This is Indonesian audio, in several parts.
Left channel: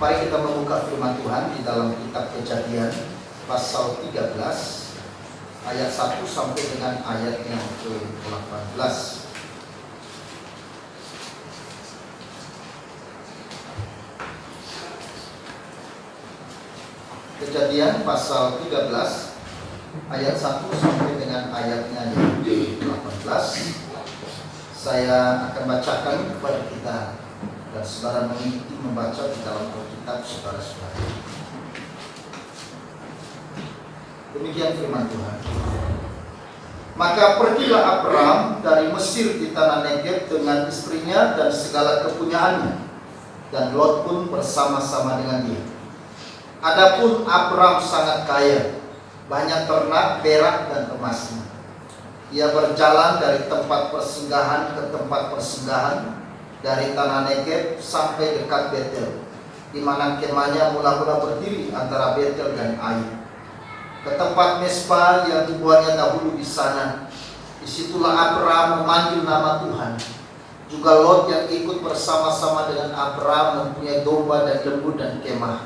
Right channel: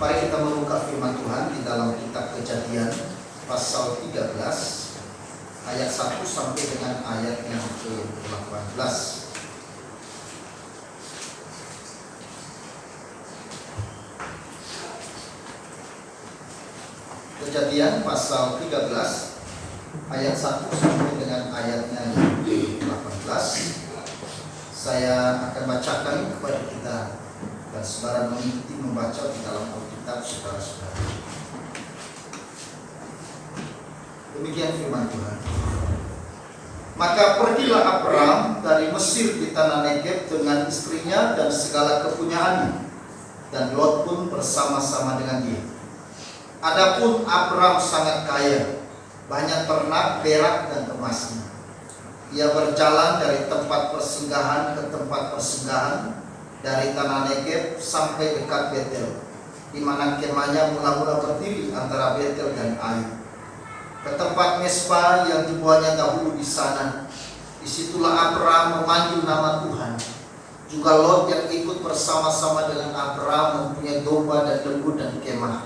Mari kita membuka firman Tuhan di dalam kitab Kejadian pasal 13 ayat 1 sampai dengan ayat yang ke-18. Kejadian pasal 13 ayat 1 sampai dengan ayatnya yang ke-18. Saya akan bacakan kepada kita dan saudara mengikuti membaca di dalam Alkitab saudara-saudara. Demikian firman Tuhan. Maka pergilah Abram dari Mesir di tanah Negeb dengan istrinya dan segala kepunyaannya, dan Lot pun bersama-sama dengan dia. Adapun Abram sangat kaya, banyak ternak, perak dan emasnya. Ia berjalan dari tempat persinggahan ke tempat persinggahan, dari tanah Negeb sampai dekat Betel, di mana kemahnya mula-mula berdiri antara Betel dan Ai, ke tempat Mesbah yang dibuatnya dahulu di sana. Disitulah Abram memanggil nama Tuhan. Juga Lot yang ikut bersama-sama dengan Abram mempunyai domba dan lembu dan kemah.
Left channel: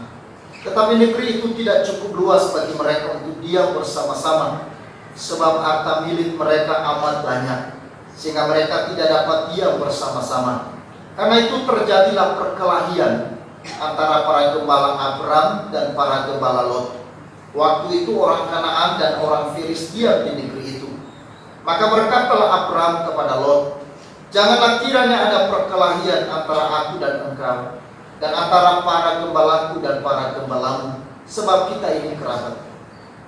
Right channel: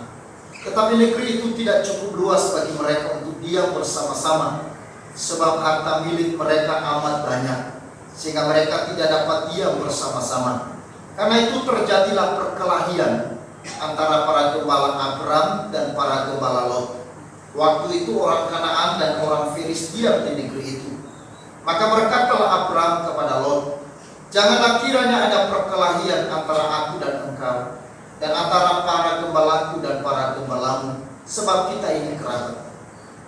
Tetapi negeri itu tidak cukup luas bagi mereka untuk diam bersama-sama, sebab harta milik mereka amat banyak, sehingga mereka tidak dapat diam bersama-sama. Karena itu terjadilah perkelahian antara para gembala Abram dan para gembala Lot. Waktu itu orang Kanaan dan orang Filis diam di negeri itu. Maka berkatalah Abram kepada Lot, janganlah kiranya ada perkelahian antara aku dan engkau, dan antara para gembalaku dan para gembalamu, sebab kita ini kerabat.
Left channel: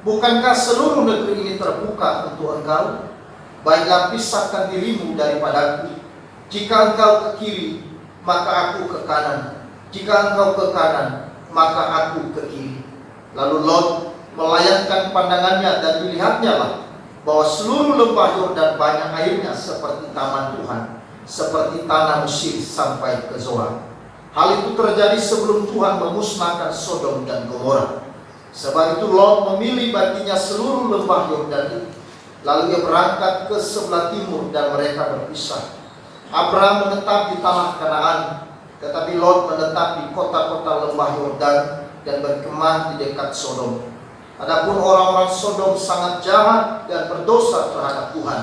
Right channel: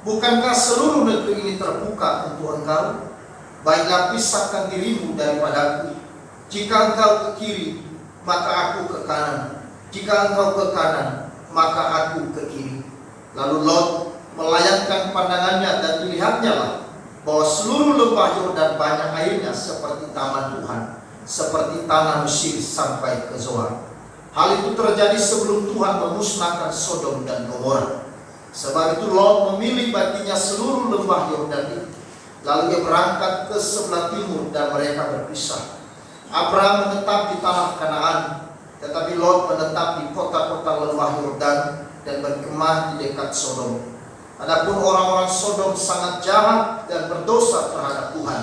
Bukankah seluruh negeri ini terbuka untuk engkau? Baiklah pisahkan dirimu daripadaku. Jika engkau ke kiri, maka aku ke kanan. Jika engkau ke kanan, maka aku ke kiri. Lalu Lot melayangkan pandangannya dan dilihatnya lah bahwa seluruh lembah Yordan banyak airnya seperti taman Tuhan, seperti tanah Mesir sampai ke Zoar. Hal itu terjadi sebelum Tuhan memusnahkan Sodom dan Gomora. Sebab itu Lot memilih baginya seluruh lembah Yordan itu. Lalu ia berangkat ke sebelah timur dan mereka berpisah. Abram menetap di tanah Kanaan, tetapi Lot menetap di kota-kota lembah Yordan dan berkemah di dekat Sodom. Adapun orang-orang Sodom sangat jahat dan berdosa terhadap Tuhan.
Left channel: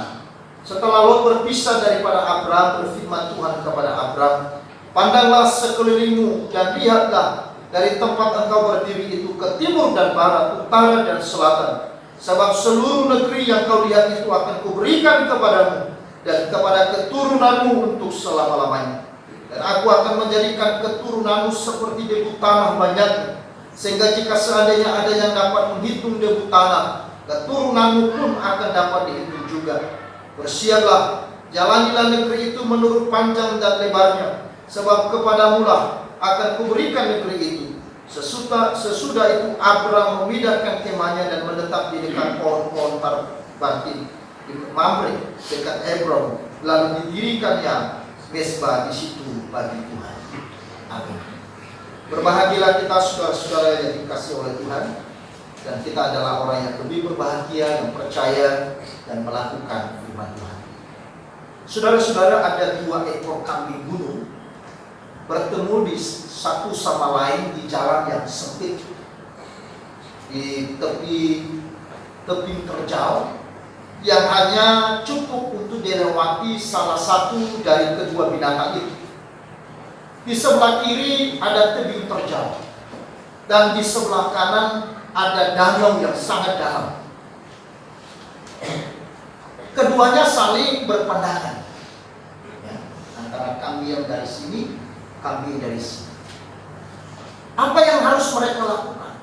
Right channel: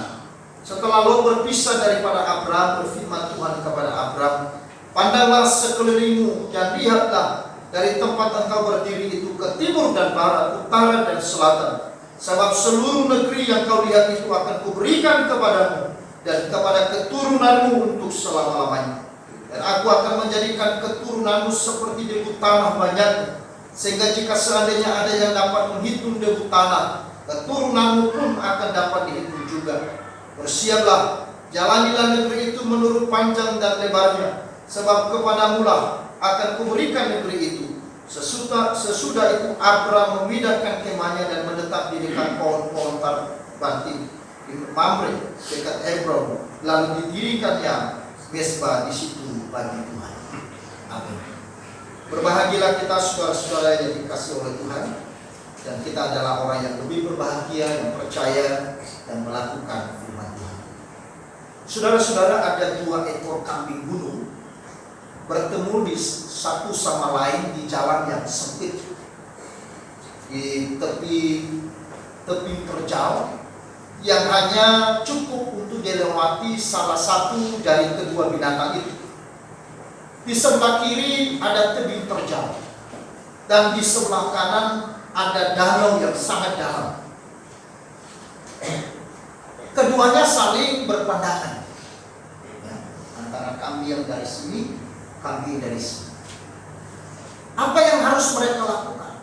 Setelah Lot berpisah daripada Abram, berfirman Tuhan kepada Abram, pandanglah sekelilingmu dan lihatlah dari tempat engkau berdiri itu ke timur dan barat, utara dan selatan. Sebab seluruh negeri yang kau lihat itu akan kuberikan kepadamu dan kepada keturunanmu untuk selama-lamanya. Dan aku akan menjadikan keturunanmu seperti debu tanah banyaknya, sehingga jika seandainya ada yang dapat menghitung debu tanah, keturunanmu pun akan dapat dihitung juga. Bersiaplah, jalanilah negeri itu menurut panjang dan lebarnya, sebab kepadamu lah akan kuberikan negeri itu. Sesudah itu Abram memindahkan kemahnya dan menetap di dekat pohon-pohon tarbatin di Mamre dekat Hebron, lalu didirikannya Mesbah di situ bagi Tuhan. Amin. Berbahagialah kita saudara-saudara yang dikasihi oleh Tuhan, dan kita adalah orang yang lebih berbahagia yang percaya dan melakukan firman Tuhan. Saudara-saudara, ada 2 ekor kambing gunung bertemu di satu sama lain di jalan yang sempit di tepi terjal yang hanya cukup untuk dilewati salah satu dari kedua binatang itu. Di sebelah kiri ada tebing terjal dan di sebelah kanan ada danau yang sangat dalam. Keduanya saling berpandangan, ya, antara kambing yang dari sini, kambing dari sini. Apa yang harus mereka lakukan?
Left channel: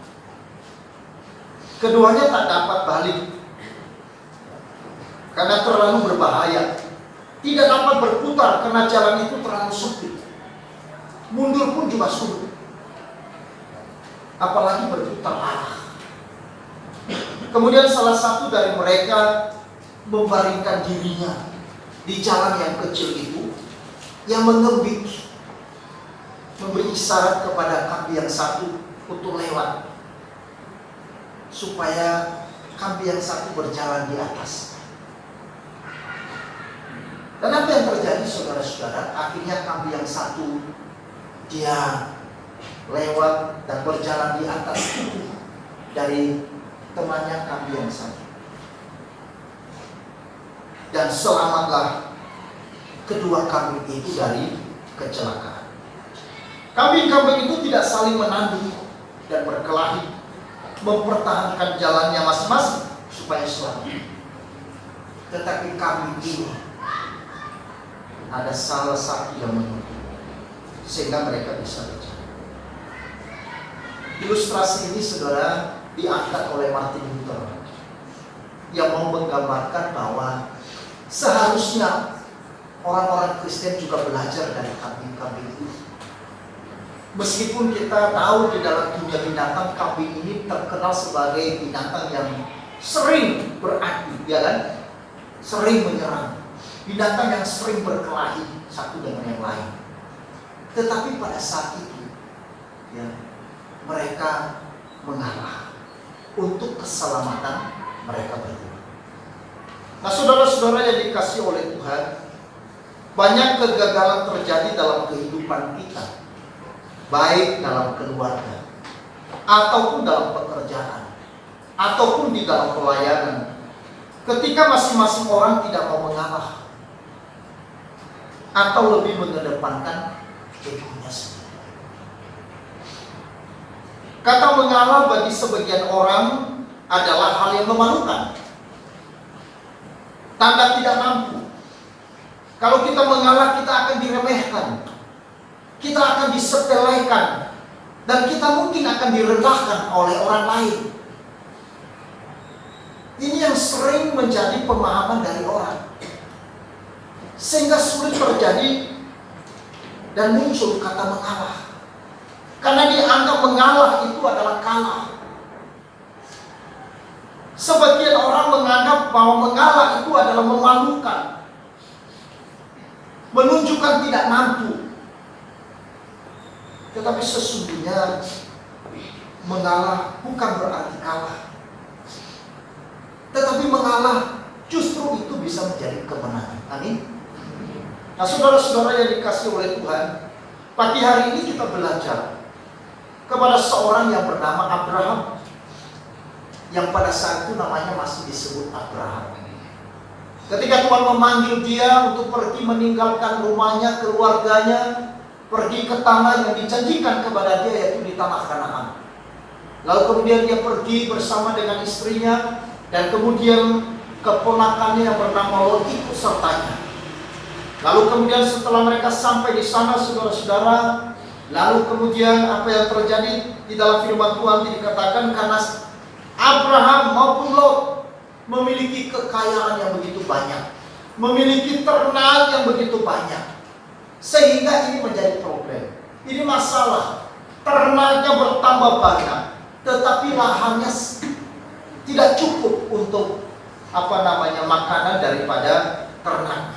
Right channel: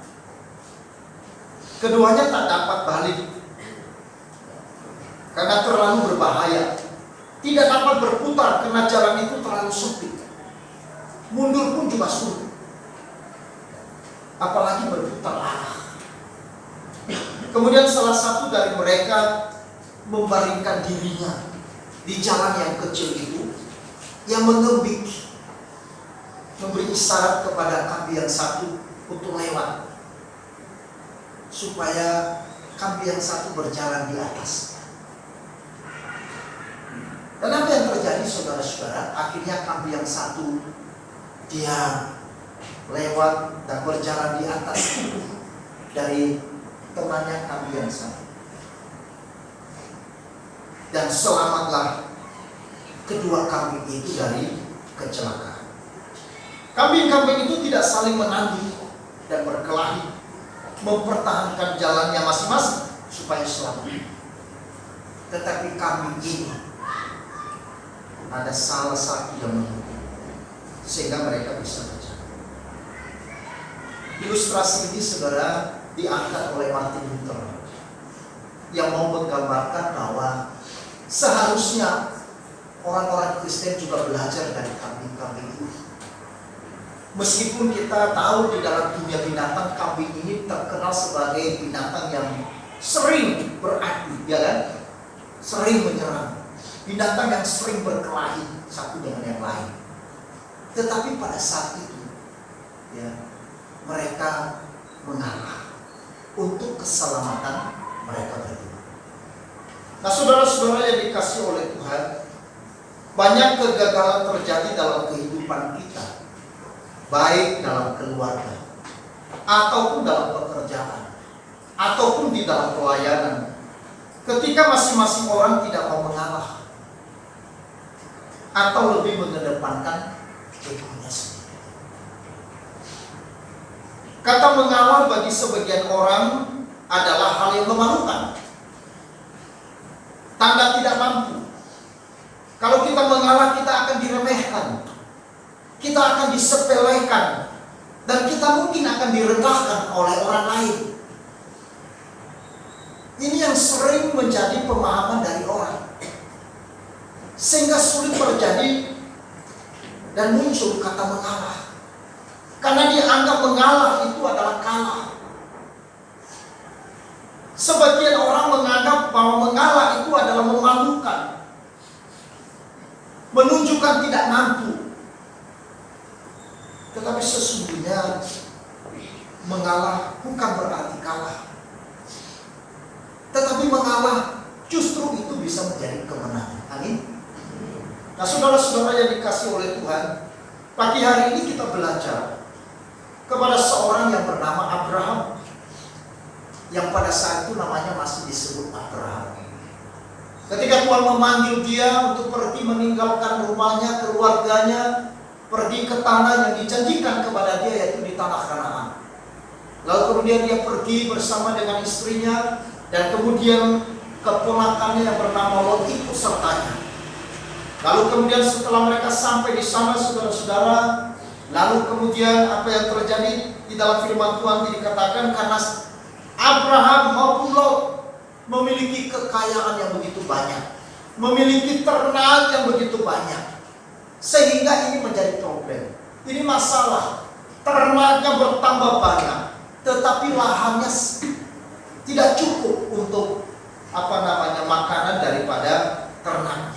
Keduanya tak dapat balik karena terlalu berbahaya. Tidak dapat berputar karena jalan itu terlalu sempit. Mundur pun juga sulit, apalagi berputar arah. Kemudian salah satu dari mereka membaringkan dirinya di jalan yang kecil itu, yang mengebik, memberi isyarat kepada kambing yang satu untuk lewat, supaya kambing yang satu berjalan di atas. Dan apa yang terjadi saudara-saudara? Akhirnya kambing yang satu dia lewat dan berjalan di atas tubuh dari temannya kambing yang satu. Dan selamatlah kedua kambing itu dari kecelakaan. Kambing-kambing itu tidak saling menanding dan berkelahi, mempertahankan jalannya masing-masing supaya selamat. Tetapi kambing ini ada salah satu yang menunggu, sehingga mereka bisa berjalan. Ilustrasi ini saudara diangkat oleh Martin Luther yang mau menggambarkan bahwa seharusnya orang-orang Kristen juga belajar dari kambing-kambing itu. Meskipun kita tahu di dalam dunia binatang, kambing ini terkenal sebagai binatang yang sering beradu, ya kan? Sering menyerang. Binatang yang sering berkelahi satu dengan yang lain. Tetapi pada saat itu, ya, mereka mengalah untuk keselamatan mereka berdua. Nah, saudara-saudara yang dikasihi oleh Tuhan, banyak kegagalan terjadi dalam kehidupan kita, baik dalam keluarga, ataupun dalam pekerjaan, ataupun di dalam pelayanan, ketika masing-masing orang tidak mau mengalah, atau lebih mengedepankan dirinya sendiri. Kata mengalah bagi sebagian orang adalah hal yang memalukan, tanda tidak mampu. Kalau kita mengalah, kita akan diremehkan, kita akan disepelekan, dan kita mungkin akan direndahkan oleh orang lain. Ini yang sering menjadi pemahaman dari orang, sehingga sulit terjadi dan muncul kata mengalah, karena dianggap mengalah itu adalah kalah. Sebagian orang menganggap bahwa mengalah itu adalah memalukan, menunjukkan tidak mampu. Tetapi sesungguhnya mengalah bukan berarti kalah, tetapi mengalah justru itu bisa menjadi kemenangan. Amin. Nah, saudara-saudara yang dikasihi oleh Tuhan, pagi hari ini kita belajar kepada seorang yang bernama Abraham, yang pada saat itu namanya masih disebut Abraham. Ketika Tuhan memanggil dia untuk pergi meninggalkan rumahnya, keluarganya, pergi ke tanah yang dijanjikan kepada dia, yaitu di tanah Kanaan. Lalu kemudian dia pergi bersama dengan istrinya, dan kemudian keponakannya yang bernama Lot ikut sertanya. Lalu kemudian setelah mereka sampai di sana, saudara-saudara, lalu kemudian apa yang terjadi di dalam firman Tuhan dikatakan, karena Abraham maupun Lot memiliki kekayaan yang begitu banyak, memiliki ternak yang begitu banyak, sehingga ini menjadi problem. Ini masalah, ternaknya bertambah banyak, tetapi lahannya tidak cukup untuk makanan daripada ternaknya.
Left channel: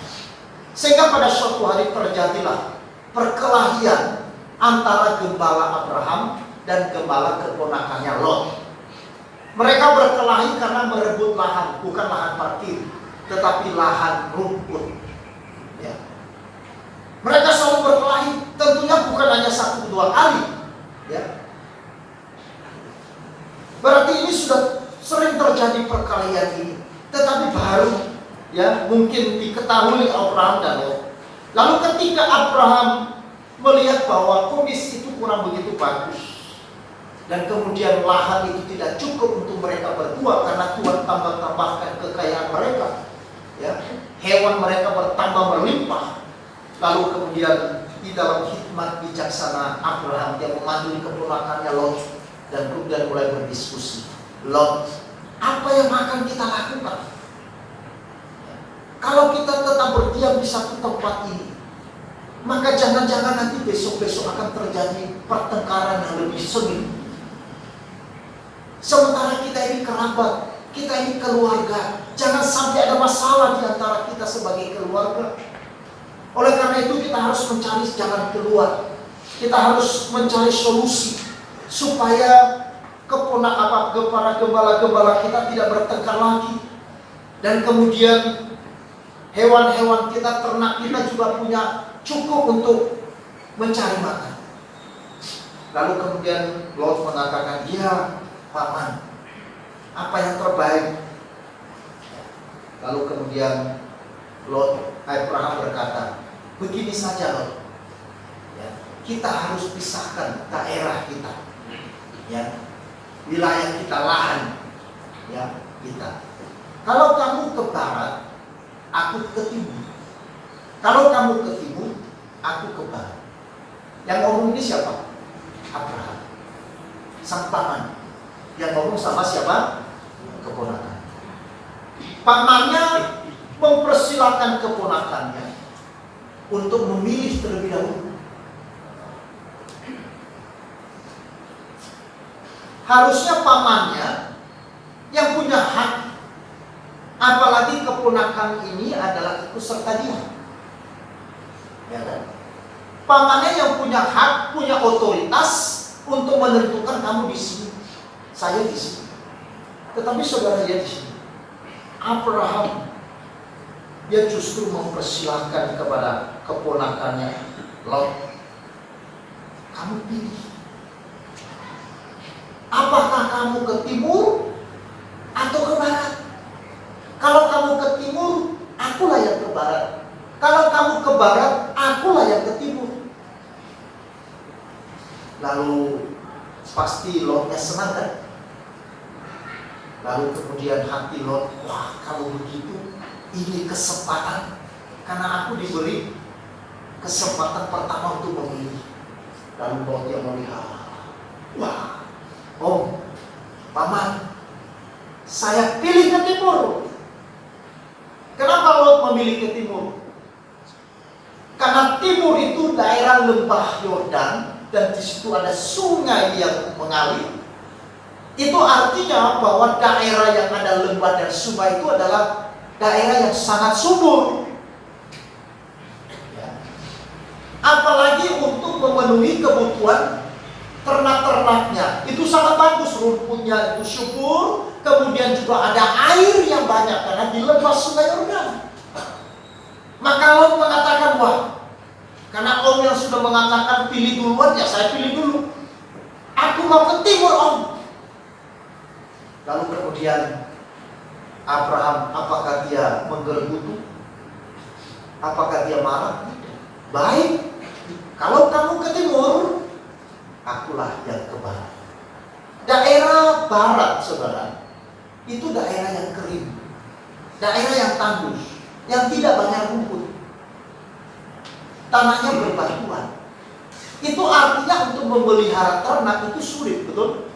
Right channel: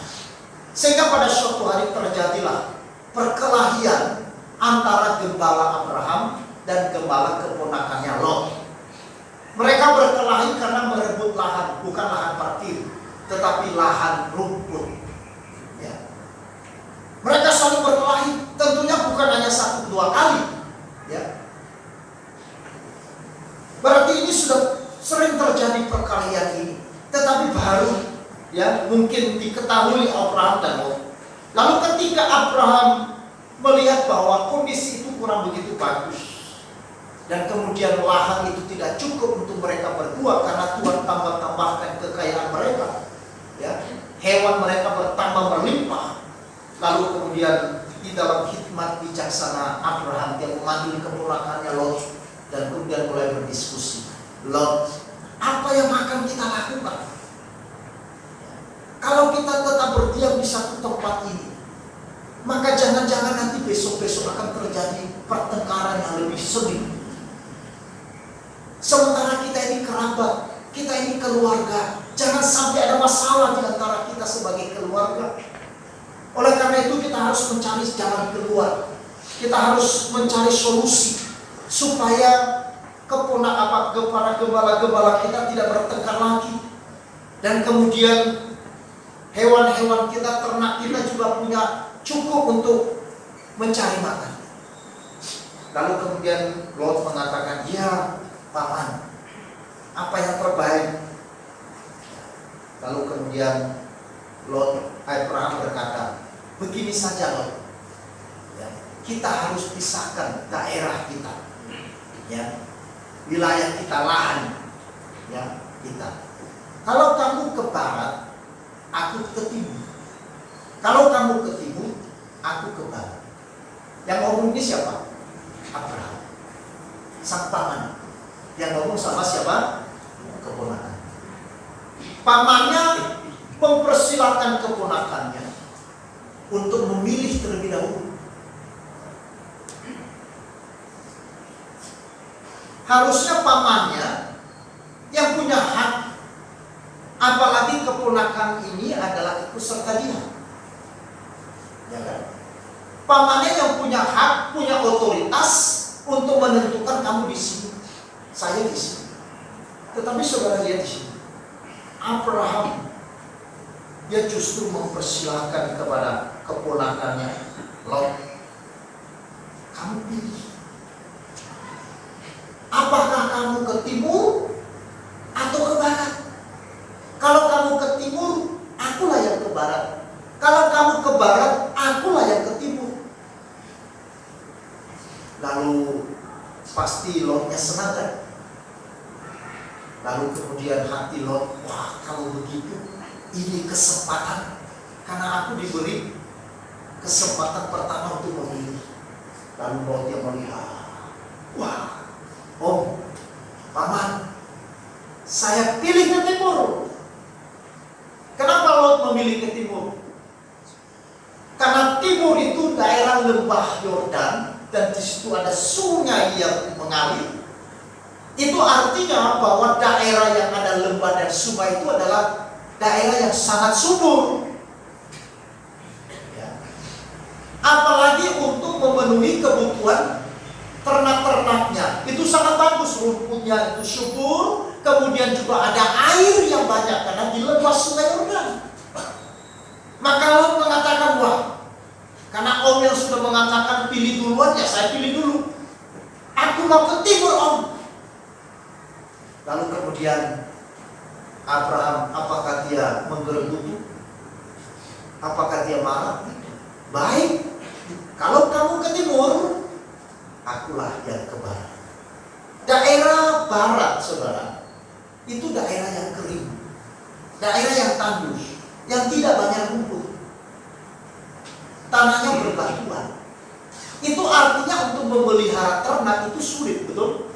Sehingga pada suatu hari terjadilah perkelahian antara gembala Abraham dan gembala keponakannya Lot. Mereka berkelahi karena merebut lahan, bukan lahan parkir, tetapi lahan rumput. Ya. Mereka saling berkelahi, tentunya bukan hanya 1-2 kali. Ya. Berarti ini sudah sering terjadi perkelahian ini, tetapi baru mungkin diketahui Abraham dan Lot. Lalu ketika Abraham melihat bahwa kondisi itu kurang begitu bagus, dan kemudian lahan itu tidak cukup untuk mereka berdua, karena Tuhan tambah-tambahkan kekayaan mereka, hewan mereka bertambah berlimpah. Lalu kemudian di dalam hikmat bijaksana Abraham, dia memanggil keponakannya Lot, dan kemudian mulai berdiskusi. Lot, apa yang akan kita lakukan kalau kita tetap berdiam di satu tempat ini? Maka jangan-jangan nanti besok-besok akan terjadi pertengkaran yang lebih sengit. Sementara kita ini kerabat, kita ini keluarga, jangan sampai ada masalah di antara kita sebagai keluarga. Oleh karena itu kita harus mencari jalan keluar. Kita harus mencari solusi supaya para gembala-gembala kita tidak bertengkar lagi. Dan kemudian hewan-hewan kita, ternak kita juga punya cukup untuk mencari makan. Lalu kemudian Lot mengatakan, ya paman, apa yang terbaik? Lalu kemudian Abraham berkata, begini saja Lot, ya, kita harus pisahkan daerah kita, ya, wilayah kita, lahan, ya, kita. Kalau kamu ke barat, aku ke timur. Kalau kamu ke timur, aku ke barat. Yang ngomong ini siapa? Abraham, sang paman. Yang ngomong sama siapa? Keponakan. Pamannya mempersilahkan keponakannya untuk memilih terlebih dahulu. Harusnya pamannya yang punya hak, apalagi keponakan ini adalah ikut serta dia, ya kan? Pamannya yang punya hak, punya otoritas untuk menentukan kamu di sini, saya di sini. Tetapi saudara lihat di sini, Abraham dia justru mempersilahkan kepada keponakannya, Lot, kamu pilih. Apakah kamu ke timur atau ke barat? Kalau kamu ke timur, akulah yang ke barat. Kalau kamu ke barat, akulah yang ke timur. Lalu pasti Lotnya senang kan? Lalu kemudian hati Lot, wah kalau begitu ini kesempatan, karena aku diberi kesempatan pertama untuk memilih. Lalu Lotnya melihat, wah, oh paman, saya pilih ke timur. Kenapa Lot memilih ke timur? Karena timur itu daerah lembah Yordan dan di situ ada sungai yang mengalir. Itu artinya bahwa daerah yang ada lembah dan sungai itu adalah daerah yang sangat subur. Ya. Apalagi untuk memenuhi kebutuhan ternak-ternaknya. Itu sangat bagus, rumputnya itu subur. Kemudian juga ada air yang banyak karena di lembah sungai Yordan. Maka Lot mengatakan, wah, karena Om yang sudah mengatakan pilih duluan, ya saya pilih dulu. Aku mau ke timur Om. Lalu kemudian Abraham, apakah dia menggerutu? Apakah dia marah? Baik, kalau kamu ke timur, akulah yang ke barat. Daerah barat, saudara, itu daerah yang kering, daerah yang tandus, yang tidak banyak rumput, tanahnya berbatuan. Itu artinya untuk memelihara ternak itu sulit, betul?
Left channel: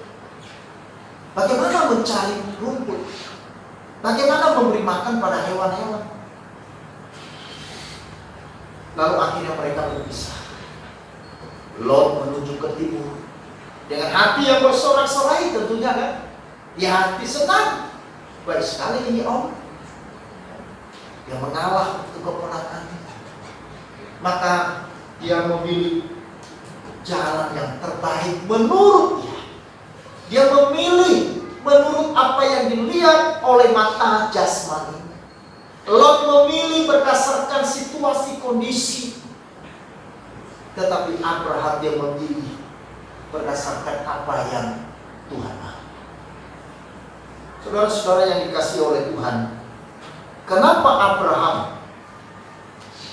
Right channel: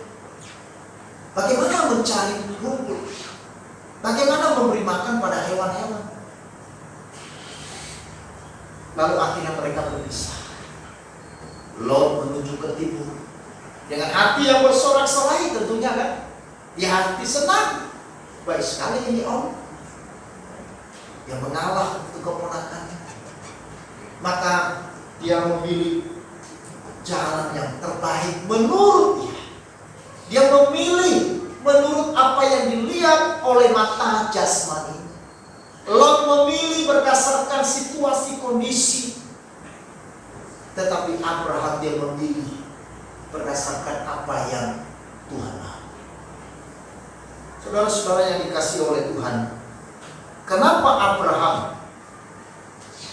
Bagaimana mencari rumput? Bagaimana memberi makan pada hewan-hewan? Lalu akhirnya mereka berpisah. Lot menuju ke timur dengan hati yang bersorak-sorai tentunya kan. Dia hati senang. Baik sekali ini Om. Dia mengalah untuk keponakannya. Maka dia memilih jalan yang terbaik menurut dia. Dia memilih menurut apa yang dilihat oleh mata jasmani. Lot memilih berdasarkan situasi kondisi. Tetapi Abraham dia memilih berdasarkan apa yang Tuhan mau. Saudara-saudara yang dikasihi oleh Tuhan, kenapa Abraham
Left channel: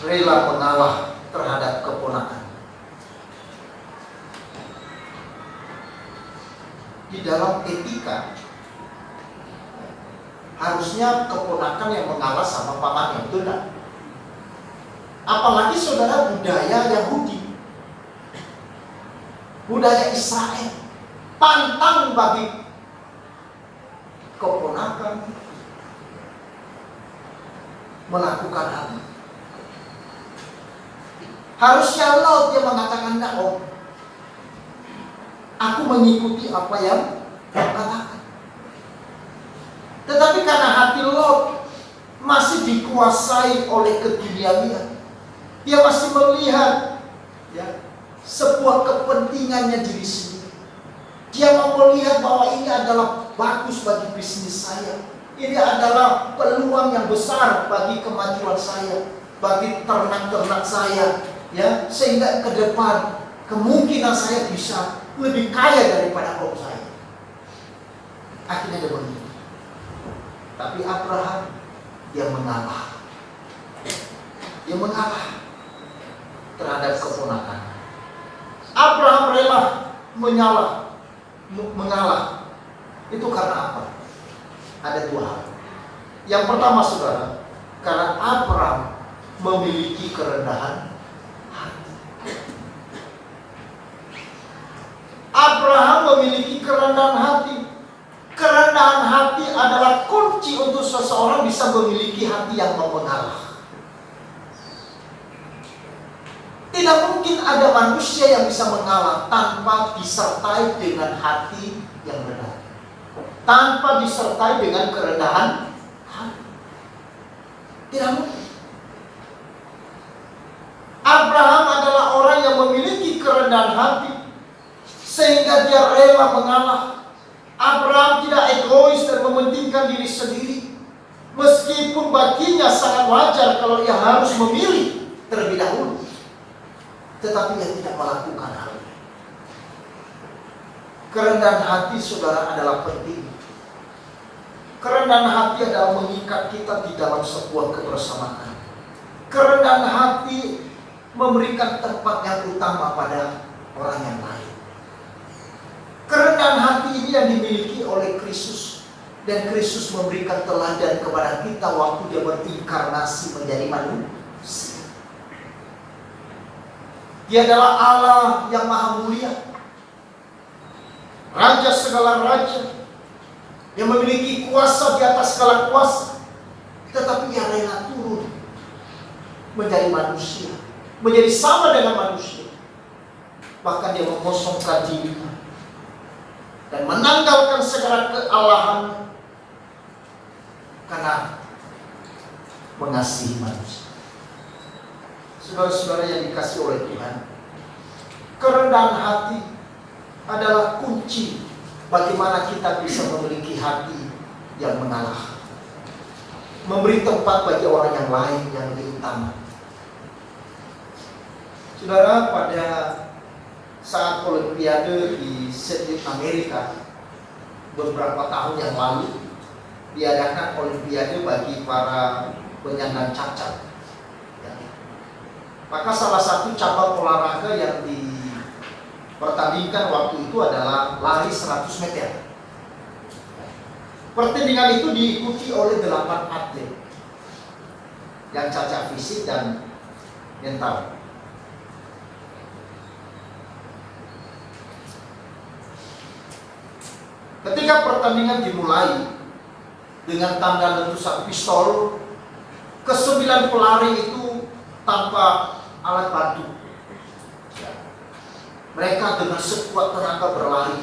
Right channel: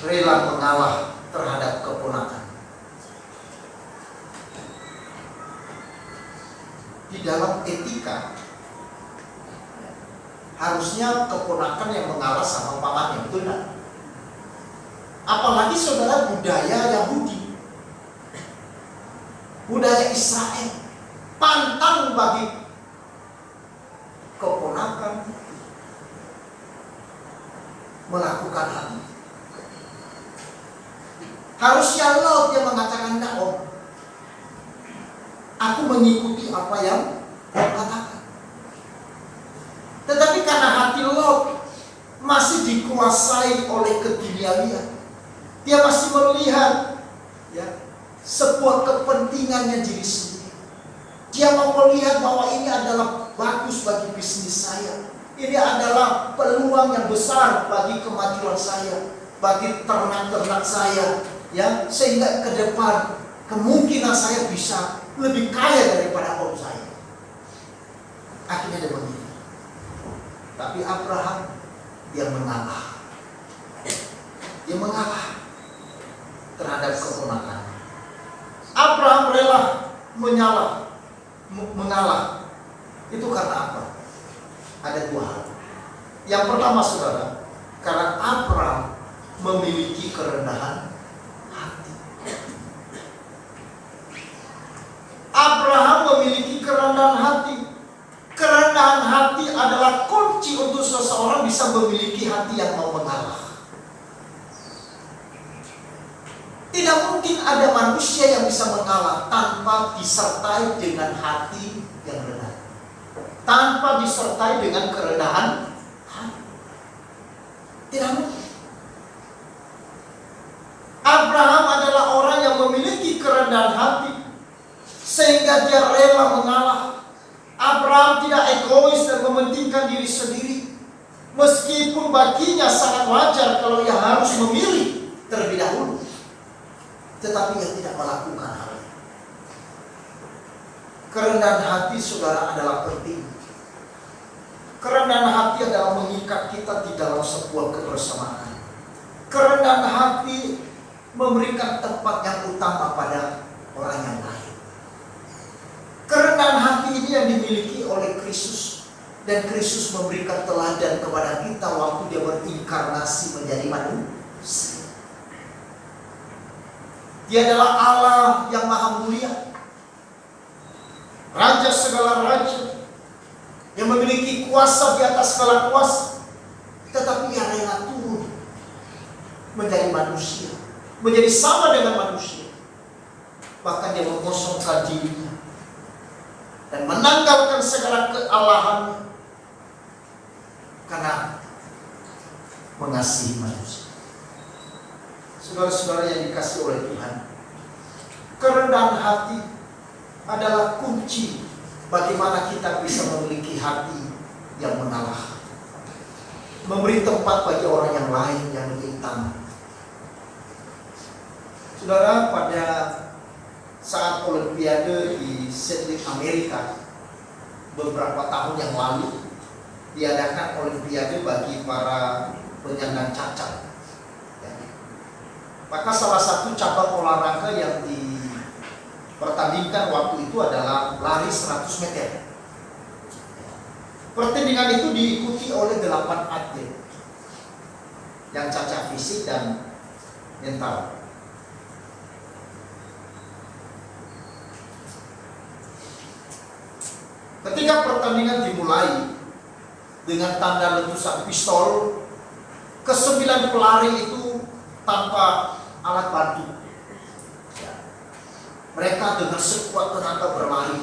rela mengalah terhadap keponakan? Di dalam etika harusnya keponakan yang mengalah sama pamannya, betul tidak? Apalagi saudara budaya Yahudi, budaya Israel, pantang bagi keponakan melakukan hal ini. Harusnya Lot yang mengatakan, enggak Om, aku mengikuti apa yang Om katakan. Tetapi karena hati Lot masih dikuasai oleh keduniawian, dia masih melihat ya, sebuah kepentingannya diri sendiri. Dia mau melihat bahwa ini adalah bagus bagi bisnis saya. Ini adalah peluang yang besar bagi kemajuan saya, bagi ternak-ternak saya, ya, sehingga ke depan kemungkinan saya bisa lebih kaya daripada kaum saya. Akhirnya dia memilih. Tapi Abraham dia mengalah. Dia mengalah terhadap keponakan. Abraham rela mengalah. Itu karena apa? Ada dua hal. Yang pertama, saudara, karena Abraham memiliki kerendahan hati. Abraham memiliki kerendahan hati. Kerendahan hati adalah kunci untuk seseorang bisa memiliki hati yang mau mengalah. Tidak mungkin ada manusia yang bisa mengalah tanpa disertai dengan hati yang rendah, tanpa disertai dengan kerendahan hati. Tidak mungkin. Abraham adalah orang yang memiliki kerendahan hati sehingga dia rela mengalah. Abraham tidak egois dan mementingkan diri sendiri, meskipun baginya sangat wajar kalau ia harus memilih terlebih dahulu. Tetapi ia tidak melakukan hal itu. Kerendahan hati, saudara, adalah penting. Kerendahan hati adalah mengikat kita di dalam sebuah kebersamaan. Kerendahan hati memberikan tempat yang utama pada orang yang lain. Kerendahan hati ini yang dimiliki oleh Kristus. Dan Kristus memberikan teladan kepada kita waktu dia berinkarnasi menjadi manusia. Dia adalah Allah yang maha mulia, Raja segala raja, yang memiliki kuasa di atas segala kuasa. Tetapi ia rela turun menjadi manusia, menjadi sama dengan manusia. Bahkan dia mengosongkan dirinya dan menanggalkan segala kealahan karena mengasihi manusia. Saudara-saudara yang dikasihi oleh Tuhan, kerendahan hati adalah kunci bagaimana kita bisa memiliki hati yang mengalah, memberi tempat bagi orang yang lain yang lebih utama. Saudara, pada saat Olimpiade di Sydney, Amerika, beberapa tahun yang lalu diadakan Olimpiade bagi para penyandang cacat. Maka salah satu cabang olahraga yang dipertandingkan waktu itu adalah lari 100 meter. Pertandingan itu diikuti oleh 8 atlet yang cacat fisik dan mental. Ketika pertandingan dimulai dengan tanda letusan pistol, ke-9 pelari itu tanpa alat bantu. Mereka dengan sekuat tenaga berlari,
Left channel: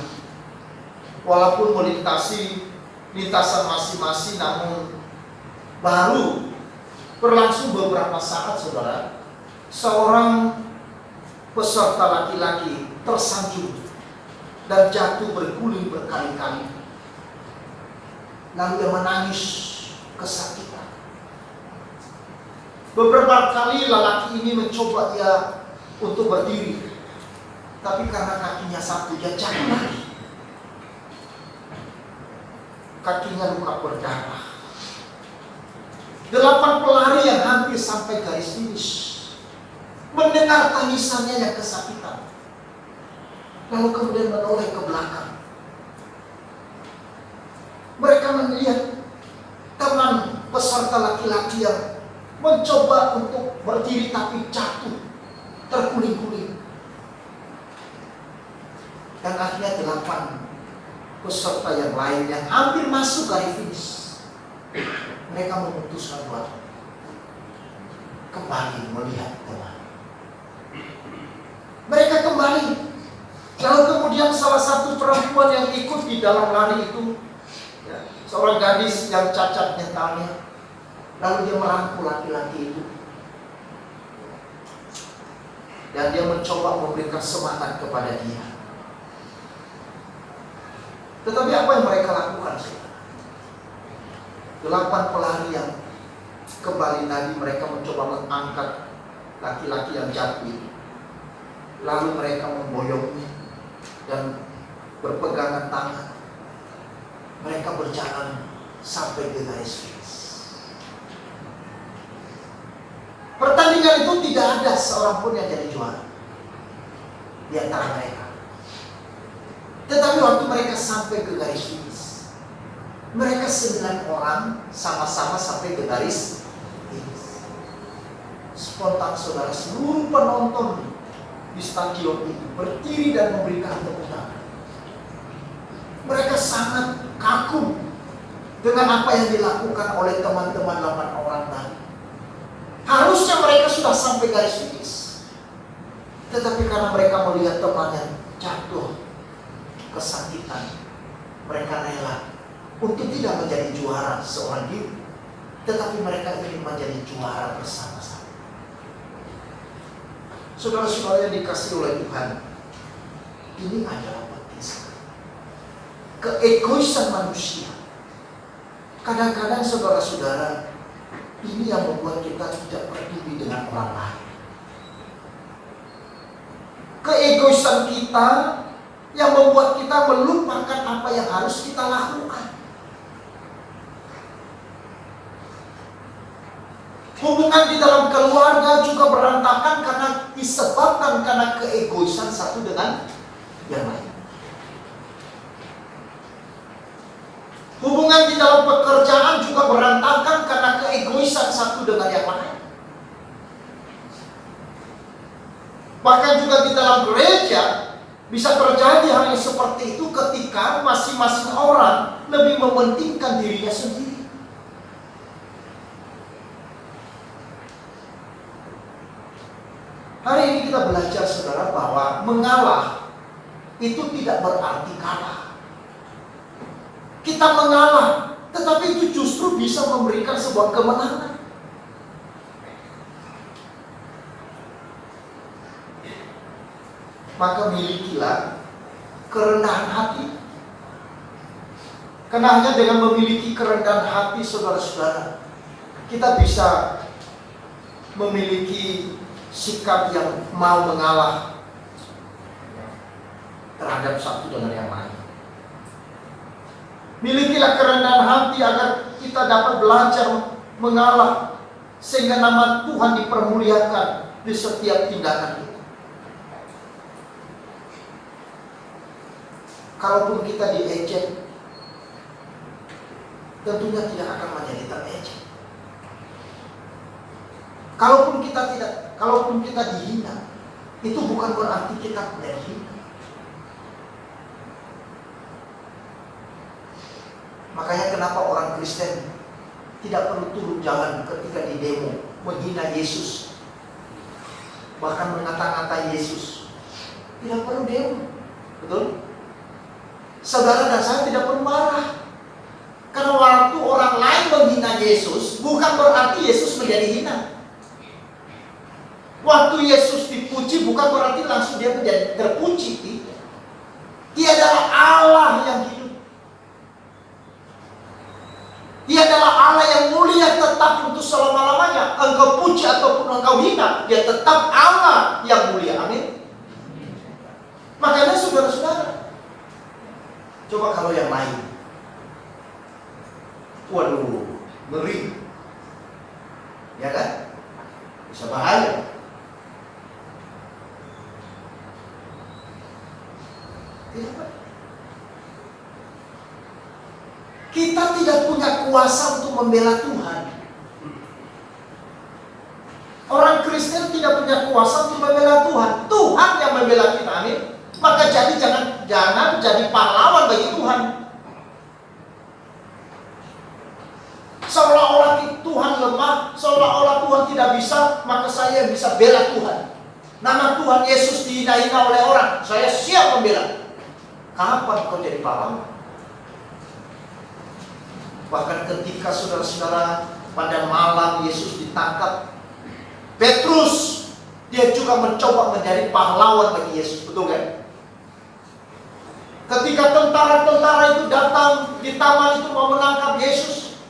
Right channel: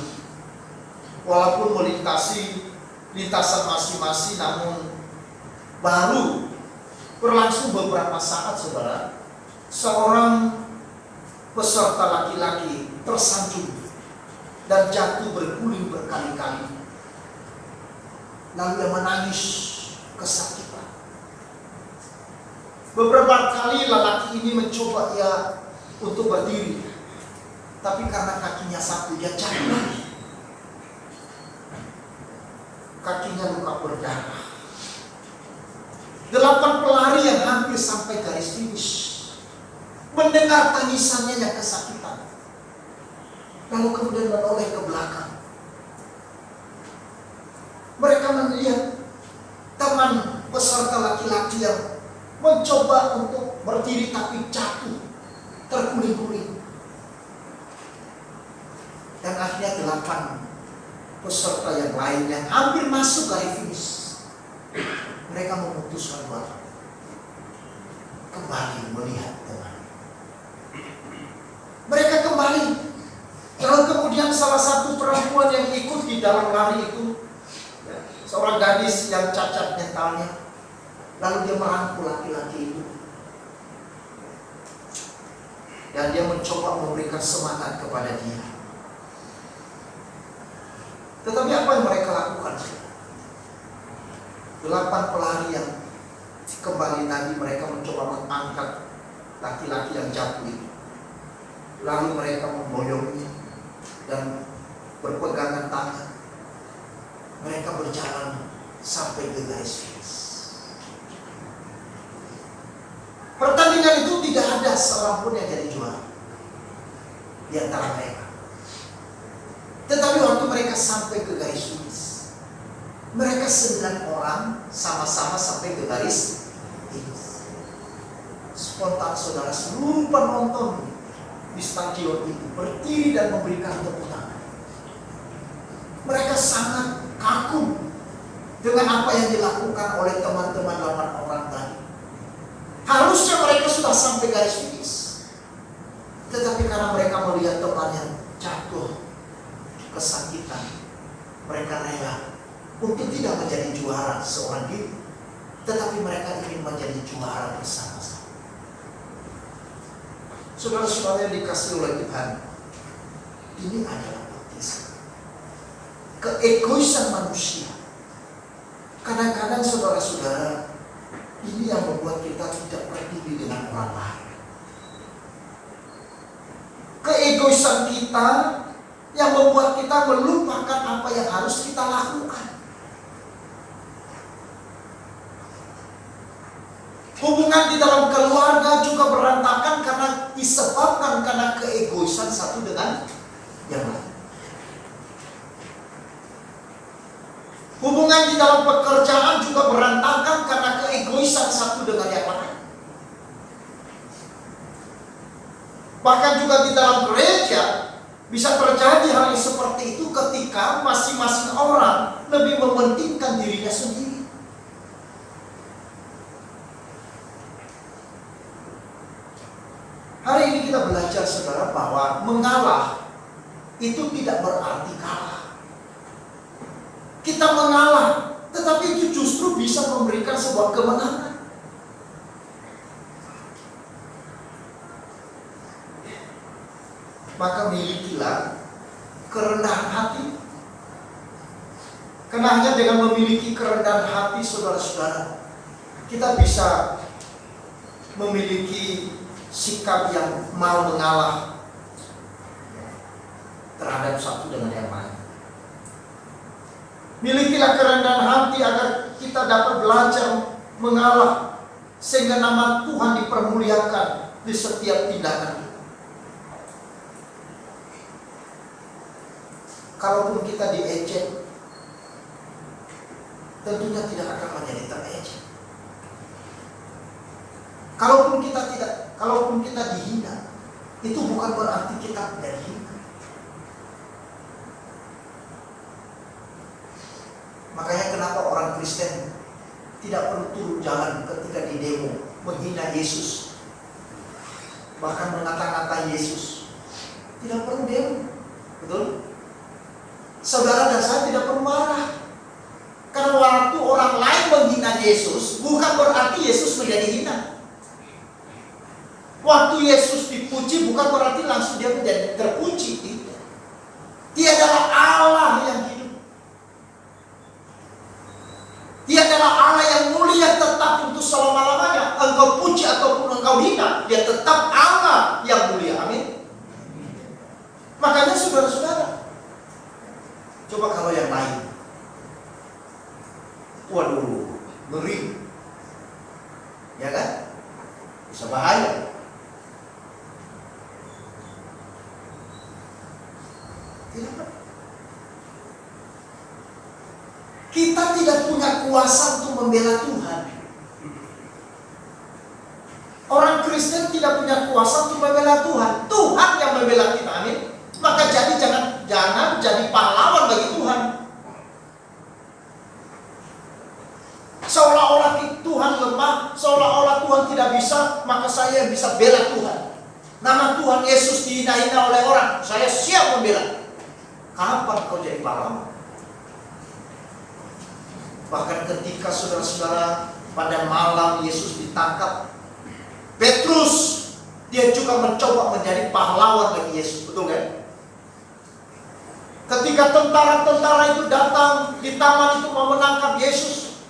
walaupun melintasi lintasan masing-masing, namun baru berlangsung beberapa saat, saudara, seorang peserta laki-laki tersanjung dan jatuh berguling berkali-kali. Lalu dia menangis kesakitan. Beberapa kali lelaki ini mencoba untuk berdiri, tapi karena kakinya satu, dia jatuh lagi. Kakinya luka berdarah. 8 pelari yang hampir sampai garis finish mendengar tangisannya yang kesakitan, lalu kemudian menoleh ke belakang. Mereka melihat teman peserta laki-laki yang mencoba untuk berdiri tapi jatuh, terguling-guling. Dan akhirnya 8 peserta yang lain yang hampir masuk garis finish, mereka memutuskan buat kembali melihat teman. Mereka kembali. Lalu kemudian salah satu perempuan yang ikut di dalam lari itu, seorang gadis yang cacat mentalnya, lalu dia merangkul laki-laki itu dan dia mencoba memberikan semangat kepada dia. Tetapi apa yang mereka lakukan? 8 pelari yang kembali tadi, mereka mencoba mengangkat laki-laki yang jatuh itu. Lalu mereka memboyongnya, dan berpegangan tangan. Mereka berjalan sampai ke garis finish. Pertandingan itu tidak ada seorang pun yang jadi juara di antara mereka. Tetapi waktu mereka sampai ke garis finish, mereka 9 orang sama-sama sampai ke garis finish. Spontan saudara, seluruh penonton di stadion itu berdiri dan memberikan tepuk tangan. Mereka sangat kagum dengan apa yang dilakukan oleh teman-teman 8 orang tadi. Harusnya mereka sudah sampai garis finish, tetapi karena mereka melihat temannya jatuh kesakitan, mereka rela untuk tidak menjadi juara seorang diri, tetapi mereka ingin menjadi juara bersama-sama. Saudara-saudara yang dikasihi oleh Tuhan, ini adalah baptisan. Keegoisan manusia. Kadang-kadang saudara-saudara, ini yang membuat kita tidak peduli dengan orang lain. Keegoisan kita yang membuat kita melupakan apa yang harus kita lakukan. Hubungan di dalam keluarga juga berantakan disebabkan karena keegoisan satu dengan yang lain. Hubungan di dalam pekerjaan juga berantakan karena keegoisan satu dengan yang lain. Bahkan juga di dalam gereja bisa terjadi hal yang seperti itu ketika masing-masing orang lebih mementingkan dirinya sendiri. Hari ini kita belajar saudara bahwa mengalah itu tidak berarti kalah. Kita mengalah, tetapi itu justru bisa memberikan sebuah kemenangan. Maka milikilah kerendahan hati. Karena hanya dengan memiliki kerendahan hati saudara-saudara, kita bisa memiliki sikap yang mau mengalah terhadap satu dengan yang lain. Milikilah kerendahan hati agar kita dapat belajar mengalah, sehingga nama Tuhan dipermuliakan di setiap tindakan kita. Kalaupun kita diejek, tentunya tidak akan menjadi terejek. Kalaupun kita dihina, itu bukan berarti kita menjadi hina. Makanya kenapa orang Kristen tidak perlu turun jalan ketika di demo menghina Yesus, bahkan mengata-ngata Yesus. Tidak perlu demo, betul? Saudara dan saya tidak perlu marah. Karena waktu orang lain menghina Yesus, bukan berarti Yesus menjadi hina. Waktu Yesus dipuji, bukan berarti langsung dia menjadi terpuji. Dia adalah Allah yang hidup. Dia adalah Allah yang mulia tetap untuk selama-lamanya. Engkau puji ataupun engkau hina, dia tetap Allah yang mulia. Amin. Makanya saudara-saudara, coba kalau yang lain, waduh, ngeri, ya kan? Bisa bahaya. Tidak. Kita tidak punya kuasa untuk membela Tuhan. Orang Kristen tidak punya kuasa untuk membela Tuhan. Tuhan yang membela kita, amin. Maka jadi jangan jadi pahlawan bagi Tuhan. Seolah-olah Tuhan lemah, seolah-olah Tuhan tidak bisa, maka saya yang bisa bela Tuhan. Nama Tuhan Yesus dihina-hina oleh orang, saya siap membela. Kapan kau jadi pahlawan? Bahkan ketika saudara-saudara pada malam Yesus ditangkap, Petrus dia juga mencoba menjadi pahlawan bagi Yesus, betul kan? Ketika tentara-tentara itu datang di taman itu mau menangkap Yesus,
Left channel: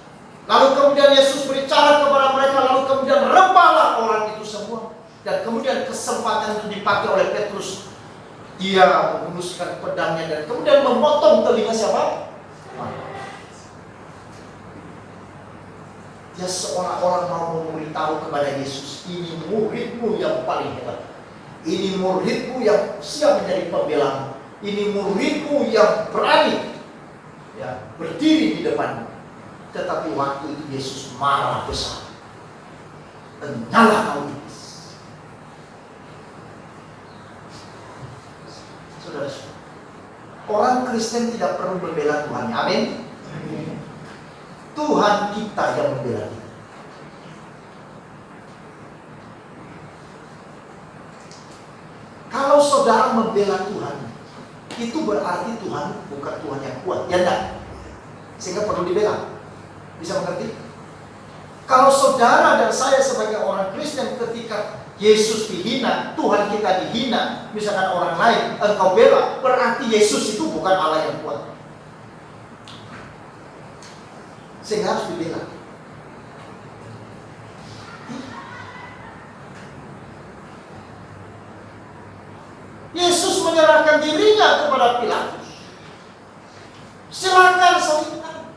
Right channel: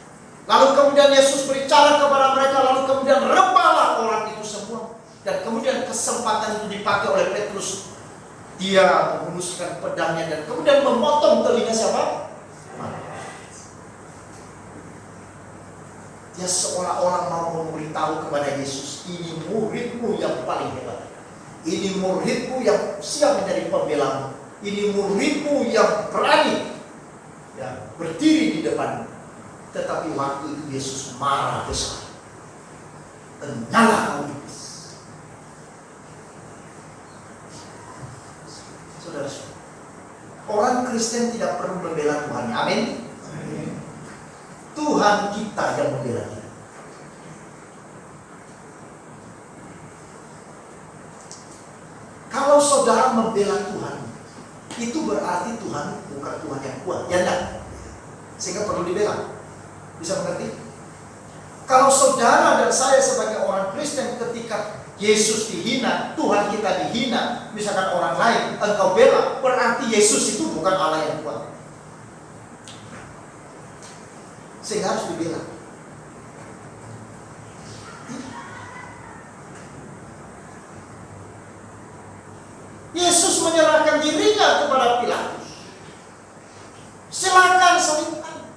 lalu kemudian Yesus berbicara kepada mereka, lalu kemudian rebalah orang itu semua, dan kemudian kesempatan itu dipakai oleh Petrus. Dia menghunuskan pedangnya dan kemudian memotong telinga siapa? Dia seolah-olah mau memberitahu kepada Yesus, ini muridmu yang paling hebat. Ini muridmu yang siap menjadi pembela. Ini muridmu yang berani ya, berdiri di depan. Tetapi waktu itu Yesus marah besar. Enyahlah kau iblis. Saudara-saudara, orang Kristen tidak perlu membela Tuhan. Amin. Tuhan kita yang membela kita. Kalau saudara membela Tuhan, itu berarti Tuhan bukan Tuhan yang kuat, ya enggak? Sehingga perlu dibela. Bisa mengerti? Kalau saudara dan saya sebagai orang Kristen ketika Yesus dihina, Tuhan kita dihina, misalkan orang lain, engkau bela, berarti Yesus itu bukan Allah yang kuat. Sehingga harus dibela. Yesus menyerahkan dirinya kepada Pilatus. Silakan salibkan.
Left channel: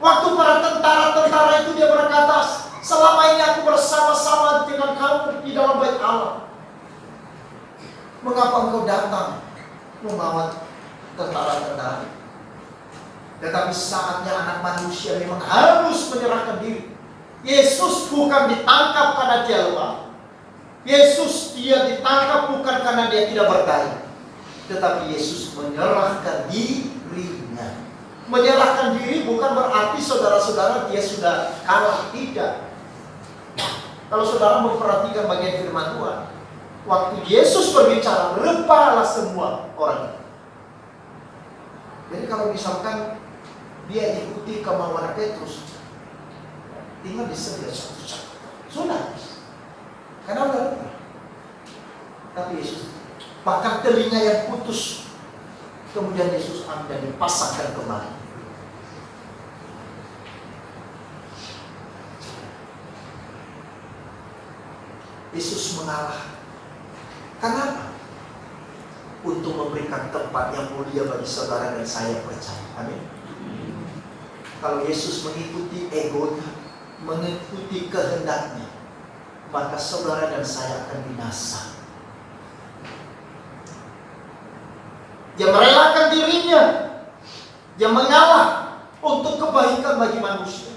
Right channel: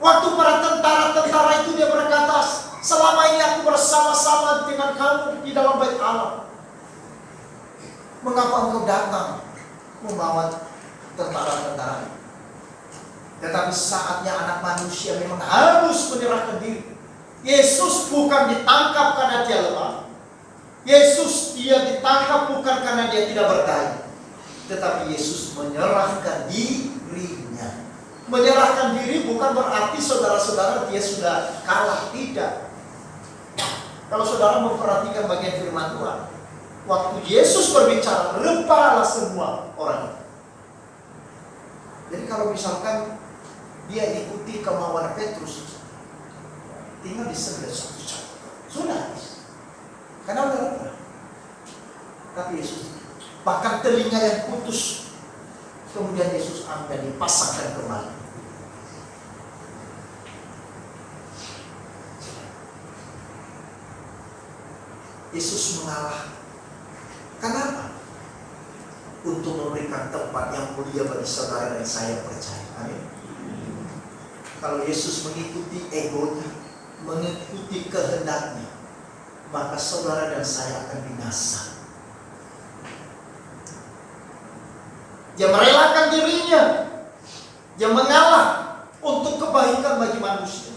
Waktu para tentara-tentara itu dia berkata, selama ini aku bersama-sama dengan kamu di dalam bait Allah. Mengapa engkau datang membawa tentara-tentara? Tetapi saatnya anak manusia memang harus menyerahkan diri. Yesus bukan ditangkap karena dia lemah. Yesus dia ditangkap bukan karena dia tidak berdaya. Tetapi Yesus menyerahkan dirinya. Menyerahkan diri bukan berarti saudara-saudara dia sudah kalah. Tidak. Kalau saudara memperhatikan bagian firman Tuhan, waktu Yesus berbicara, rebalah semua orang. Jadi kalau misalkan dia ikuti kemauan Petrus, tinggal disegel satu-satu, sudah. Karena udah lupa. Tapi Yesus, bahkan telinga yang putus, kemudian Yesus ambil dan dipasangkan kembali. Yesus mengalah. Kenapa? Untuk memberikan tempat yang mulia bagi saudara dan saya percaya. Amin. Kalau Yesus mengikuti egonya, mengikuti kehendaknya, maka saudara dan saya akan binasa. Dia merelakan dirinya, dia mengalah untuk kebaikan bagi manusia.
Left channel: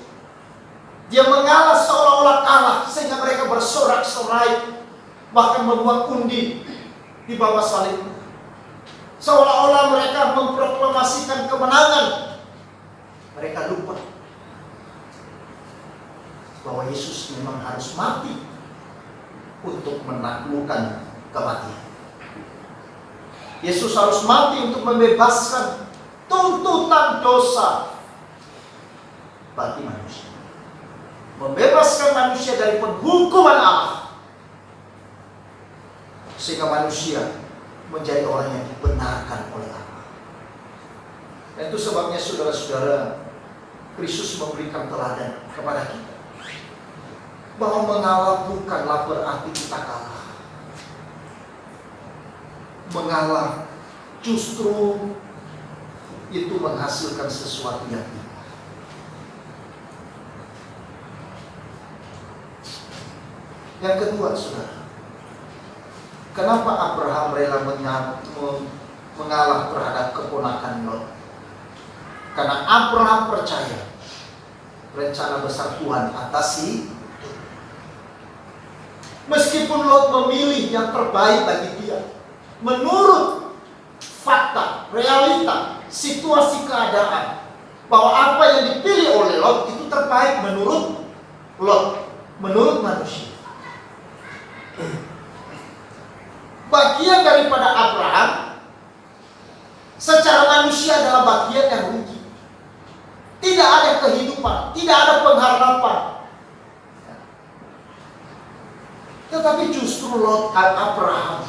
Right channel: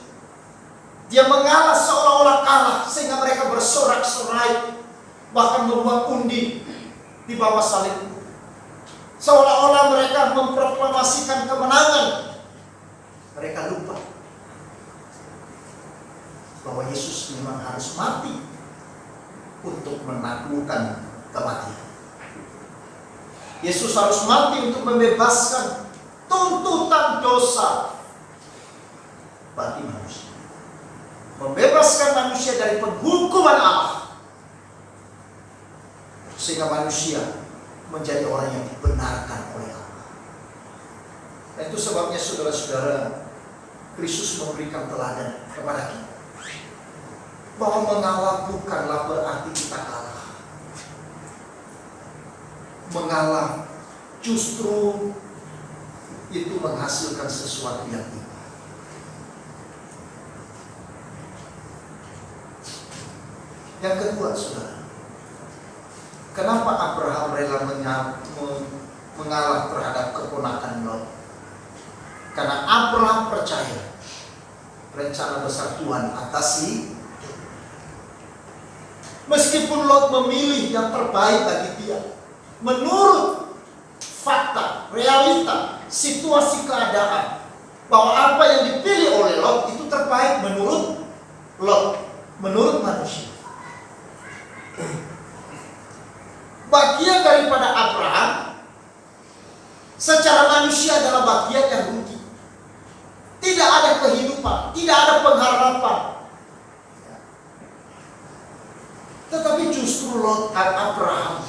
Dia mengalah seolah-olah kalah sehingga mereka bersorak-sorai, bahkan membuat undi di bawah salib. Seolah-olah mereka memproklamasikan kemenangan. Mereka lupa bahwa Yesus memang harus mati untuk menaklukkan kematian. Yesus harus mati untuk membebaskan tuntutan dosa bagi manusia. Membebaskan manusia dari penghukuman Allah. Sehingga manusia menjadi orang yang dibenarkan oleh Allah. Dan itu sebabnya saudara-saudara, Kristus memberikan teladan kepada kita. Bahwa mengalah bukanlah berarti kita kalah. Mengalah justru itu menghasilkan sesuatu yang indah. Yang kedua, saudara, kenapa Abraham rela mengalah terhadap keponakan Lot? Karena Abraham percaya rencana besar Tuhan atasi. Meskipun Lot memilih yang terbaik bagi dia, menurut fakta, realita, situasi keadaan, bahwa apa yang dipilih oleh Lot itu terbaik menurut Lot, menurut manusia. Bagian daripada Abraham secara manusia adalah bagian yang rugi. Tidak ada kehidupan, tidak ada pengharapan. Tetapi justru Lot Abraham,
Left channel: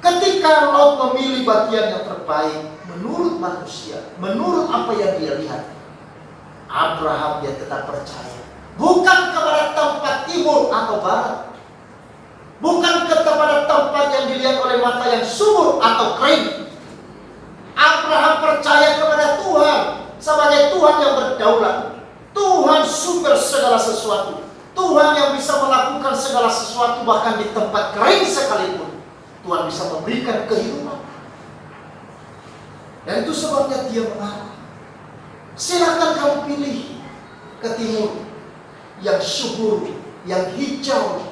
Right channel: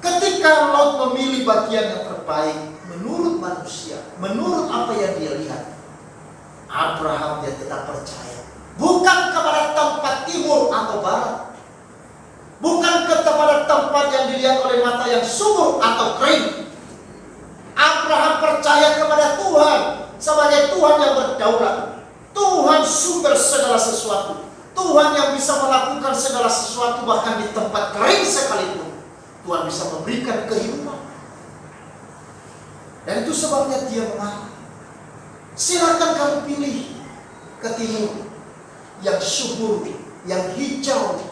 ketika Lot memilih bagian yang terbaik menurut manusia, menurut apa yang dia lihat, Abraham dia tetap percaya bukan kepada tempat timur atau barat, bukan kepada tempat yang dilihat oleh mata yang subur atau kering. Abraham percaya kepada Tuhan sebagai Tuhan yang berdaulat, Tuhan sumber segala sesuatu, Tuhan yang bisa melakukan segala sesuatu bahkan di tempat kering sekalipun. Tuhan bisa memberikan kehidupan. Dan itu sebabnya dia mengalah. Silakan kamu pilih ke timur yang subur, yang hijau,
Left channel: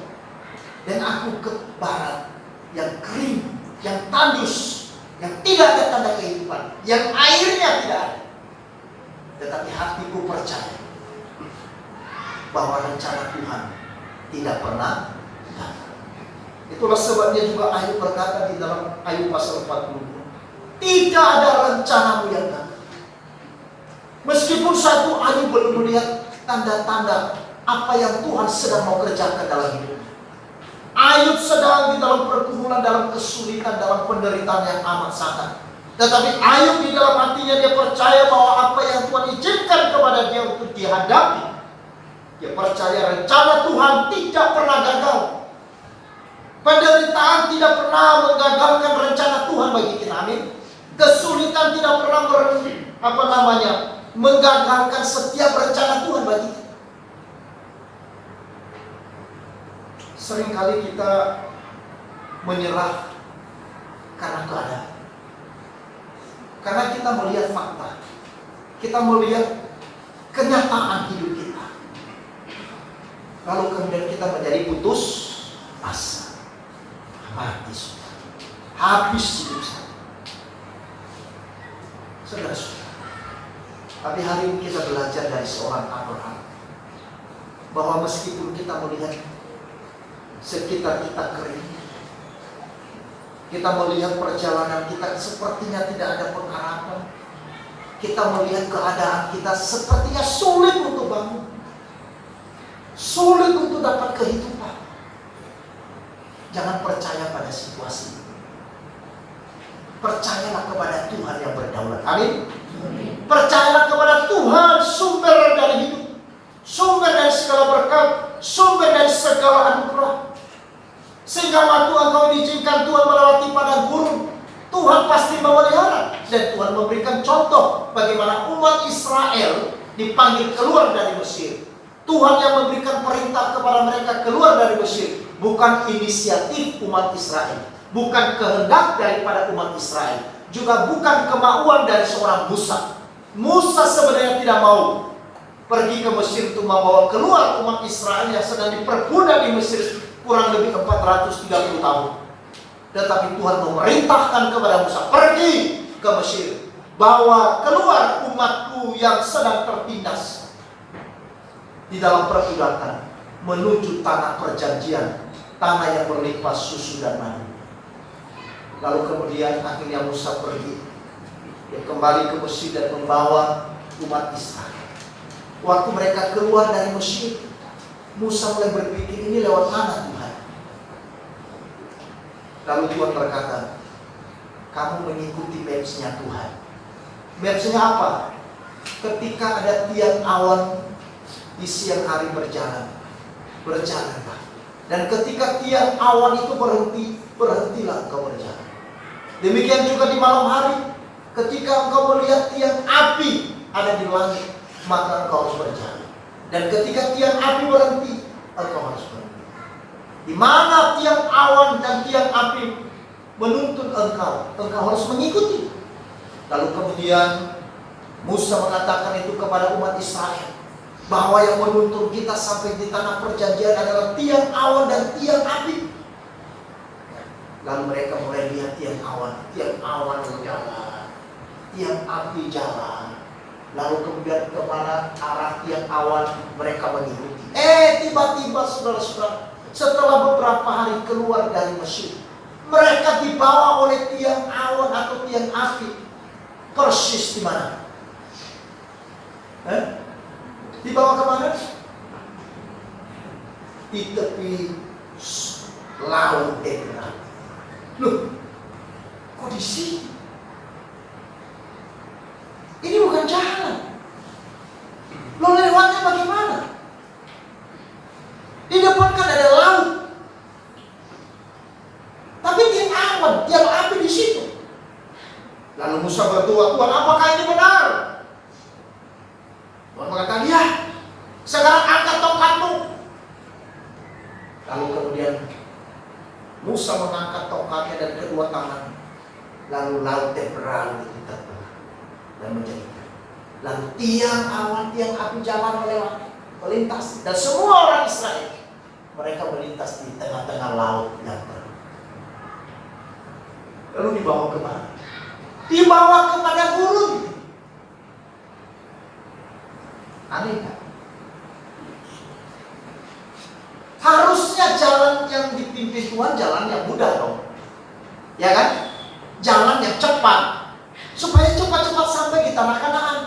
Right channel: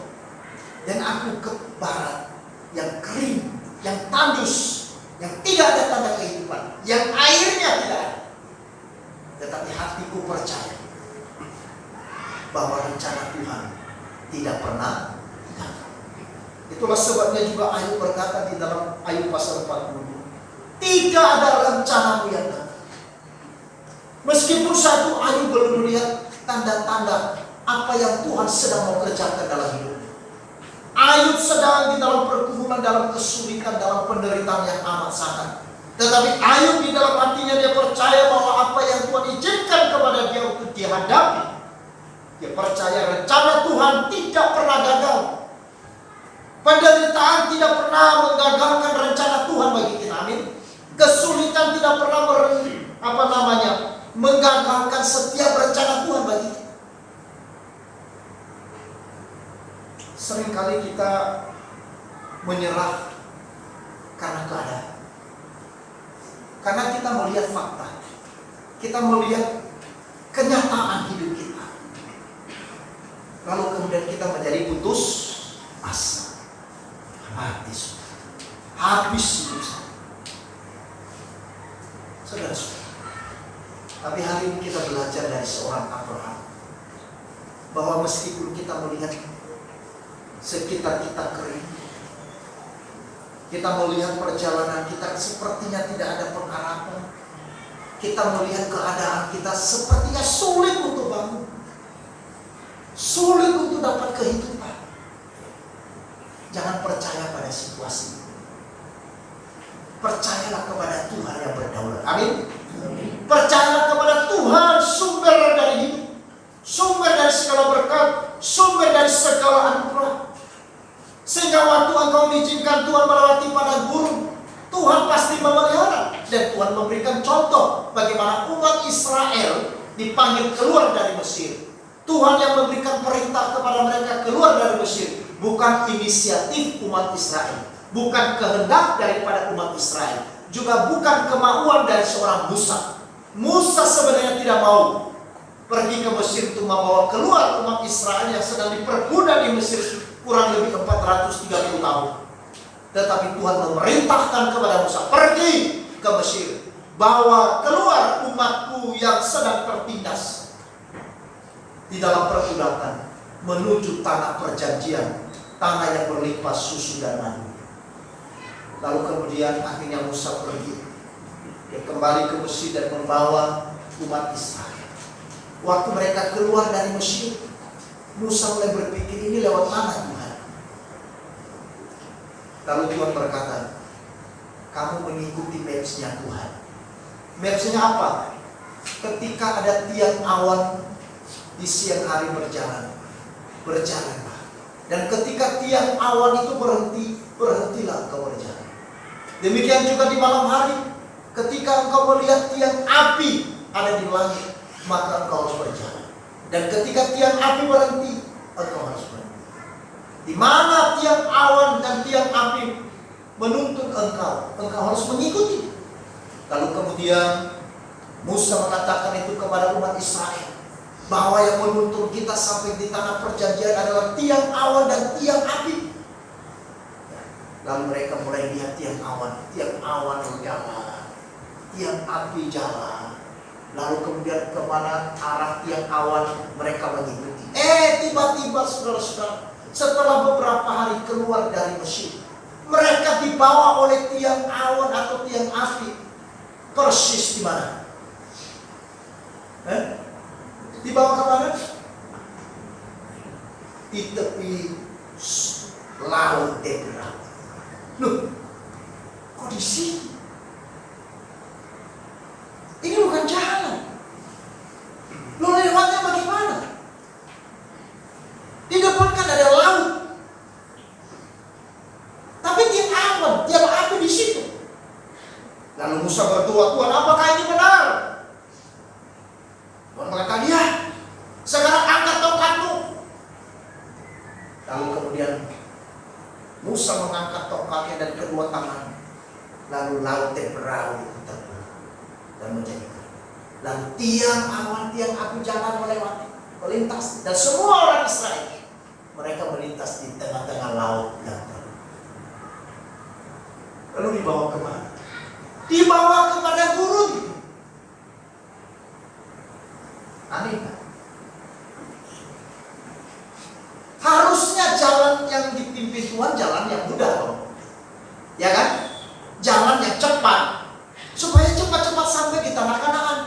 dan aku ke barat yang kering, yang tandus, yang tidak ada tanda kehidupan, yang airnya tidak ada. Tetapi hatiku percaya bahwa rencana Tuhan tidak pernah gagal. Itulah sebabnya juga Ayub berkata di dalam Ayub pasal 42, tidak ada rencanamu yang gagal. Meskipun satu Ayub belum melihat tanda-tanda apa yang Tuhan sedang mau kerjakan dalam hidup. Ayub sedang di dalam pergumulan, dalam kesulitan, dalam penderitaan yang amat sangat. Tetapi Ayub di dalam hatinya dia percaya bahwa apa yang Tuhan izinkan kepada dia untuk dihadapi, dia percaya rencana Tuhan tidak pernah gagal. Penderitaan tidak pernah menggagalkan rencana Tuhan bagi kita. Amin. Kesulitan tidak pernah menggagalkan setiap rencana Tuhan bagi kita. Seringkali kita menyerah karena keadaan. Karena kita melihat fakta. Kita melihat kenyataan hidup kita. Lalu kemudian kita menjadi putus asa. Habis hidup saya. Saudara-saudara. Tapi hari ini kita belajar dari seorang Abraham. Bahwa meskipun kita melihat sekitar kita kering, kita melihat perjalanan kita sepertinya tidak ada pengharapan, kita melihat keadaan kita sepertinya sulit untuk bangun, sulit untuk dapat kehidupan, jangan percaya pada situasi. Percayalah kepada Tuhan yang berdaulat. Amin. Percayalah kepada Tuhan, sumber dari hidup, sumber dari segala berkat, sumber dari segala anugerah. Sehingga waktu engkau diizinkan Tuhan melewati padang gurun, Tuhan pasti memelihara. Dan Tuhan memberikan contoh bagaimana umat Israel dipanggil keluar dari Mesir. Tuhan yang memberikan perintah kepada mereka keluar dari Mesir. Bukan inisiatif umat Israel, bukan kehendak daripada umat Israel, juga bukan kemauan dari seorang Musa. Musa sebenarnya tidak mau pergi ke Mesir untuk membawa keluar umat Israel yang sedang diperbudak di Mesir kurang lebih 430 tahun. Tetapi Tuhan memerintahkan kepada Musa, pergi ke Mesir, bawa keluar umatku yang sedang tertindas di dalam perbudakan menuju tanah perjanjian, tanah yang berlimpah susu dan madu. Lalu kemudian akhirnya Musa pergi, dia kembali ke Mesir dan membawa umat Israel. Waktu mereka keluar dari Mesir, Musa mulai berpikir, ini lewat mana Tuhan? Lalu Tuhan berkata, kamu mengikuti maps-nya Tuhan. Maps-nya apa? Ketika ada tiang awan di siang hari berjalanlah. Dan ketika tiang awan itu berhenti, berhentilah engkau berjalan. Demikian juga di malam hari, ketika engkau melihat tiang api ada di langit, maka engkau harus berjalan. Dan ketika tiang api berhenti, engkau harus berhenti. Di mana tiang awan dan tiang api menuntun engkau, engkau harus mengikuti. Lalu kemudian Musa mengatakan itu kepada umat Israel, bahwa yang menuntun kita sampai di tanah perjanjian adalah tiang awan dan tiang api. Lalu mereka mulai lihat tiang awan jalan, tiang api jalan. Lalu kemudian kemana arah tiang awan mereka mengikuti. Tiba-tiba saudara-saudara, setelah beberapa hari keluar dari Mesir, mereka dibawa oleh tiang awan atau tiang api. Persis di mana? Dibawa ke mana? Di tepi laut Ebrah. Loh, kok di sini? Ini bukan jalan. Lo lewatnya bagaimana? Di depan kan ada laut. Lalu Musa berdoa, Tuhan apakah ini benar? Tuhan berkata, ya, sekarang angkat tongkatmu. Lalu kemudian Musa mengangkat tongkatnya dan kedua tangan. Lalu laut berlalu itu terbelah dan menjadi. Lalu tiang awan, tiang api jalan melewati, melintas. Dan semua orang Israel, mereka melintas di tengah-tengah laut yang terbelah. Lalu dibawa kemana? Dibawa kepada gurun. Aneh kan? Harusnya jalan yang dipimpin Tuhan jalan yang mudah loh. Ya kan? Jalan yang cepat. Supaya cepat-cepat sampai di tanah Kanaan.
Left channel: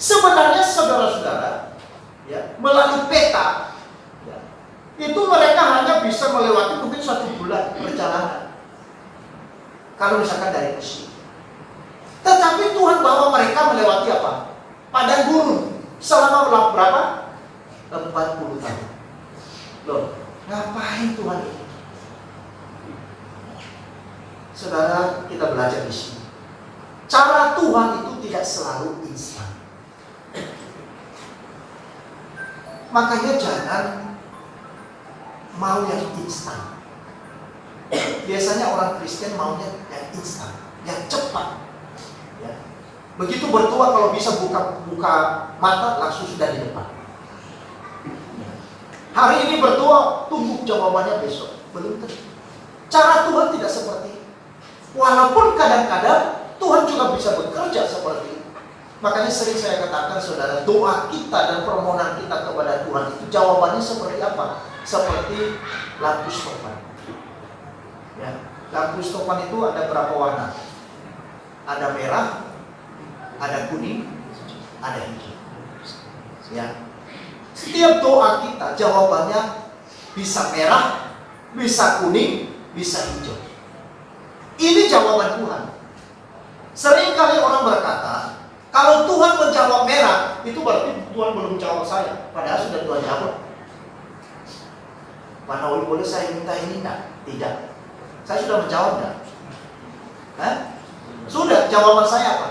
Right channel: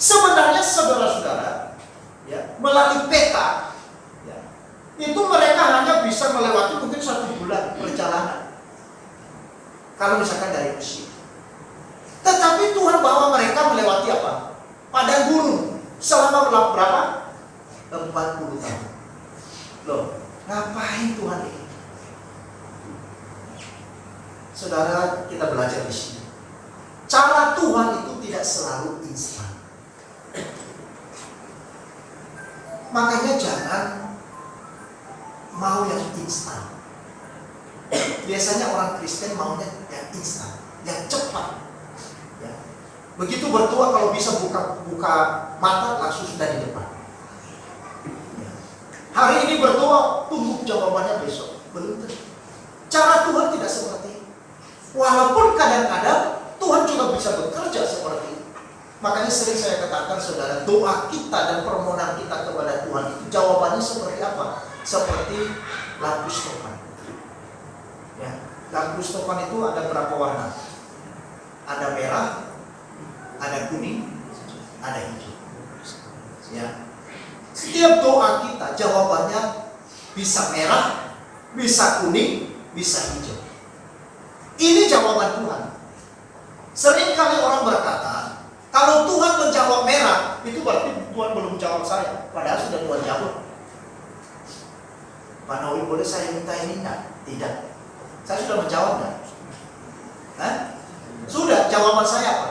Sebenarnya saudara-saudara, ya, melalui peta, ya, itu mereka hanya bisa melewati mungkin 1 bulan perjalanan. Kalau misalkan dari Mesir. Tetapi Tuhan bawa mereka melewati apa? Padang gurun. Selama berapa? 40 tahun. Loh, ngapain Tuhan ini? Saudara, kita belajar di sini. Cara Tuhan itu tidak selalu instan. Makanya jangan mau yang instan. Biasanya orang Kristen maunya yang instan, yang cepat. Ya. Begitu berdoa kalau bisa buka mata langsung sudah di depan. Ya. Hari ini berdoa, tunggu jawabannya besok. Belum tentu. Cara Tuhan tidak seperti itu. Walaupun kadang-kadang Tuhan juga bisa bekerja seperti itu. Makanya sering saya katakan saudara, doa kita dan permohonan kita kepada Tuhan itu jawabannya seperti apa? Seperti lampu stopan. Ya, lampu stopan itu ada berapa warna? Ada merah, ada kuning, ada hijau. Ya. Setiap doa kita jawabannya bisa merah, bisa kuning, bisa hijau. Ini jawaban Tuhan. Seringkali orang berkata, kalau Tuhan menjawab merah, itu berarti Tuhan belum jawab saya. Padahal sudah Tuhan jawab. Pak Naul, boleh saya minta ini enggak? Tidak. Saya sudah menjawab enggak? Sudah, jawaban saya apa?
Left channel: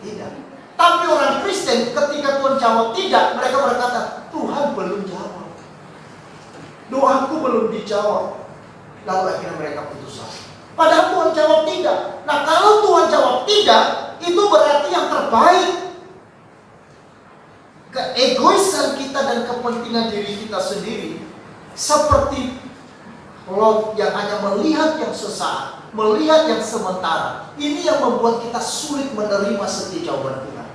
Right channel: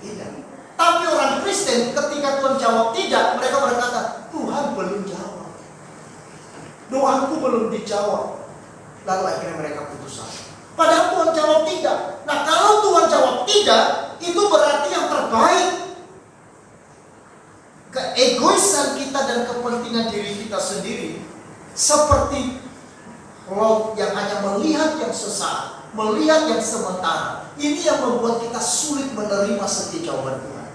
Tidak. Tapi orang Kristen ketika Tuhan jawab tidak, mereka berkata, Tuhan belum jawab. Doaku belum dijawab. Lalu akhirnya mereka putus asa. Padahal Tuhan jawab tidak. Nah, kalau Tuhan jawab tidak, itu berarti yang terbaik. Keegoisan kita dan kepentingan diri kita sendiri seperti laut yang hanya melihat yang sesaat, melihat yang sementara. Ini yang membuat kita sulit menerima setiap jawaban Tuhan.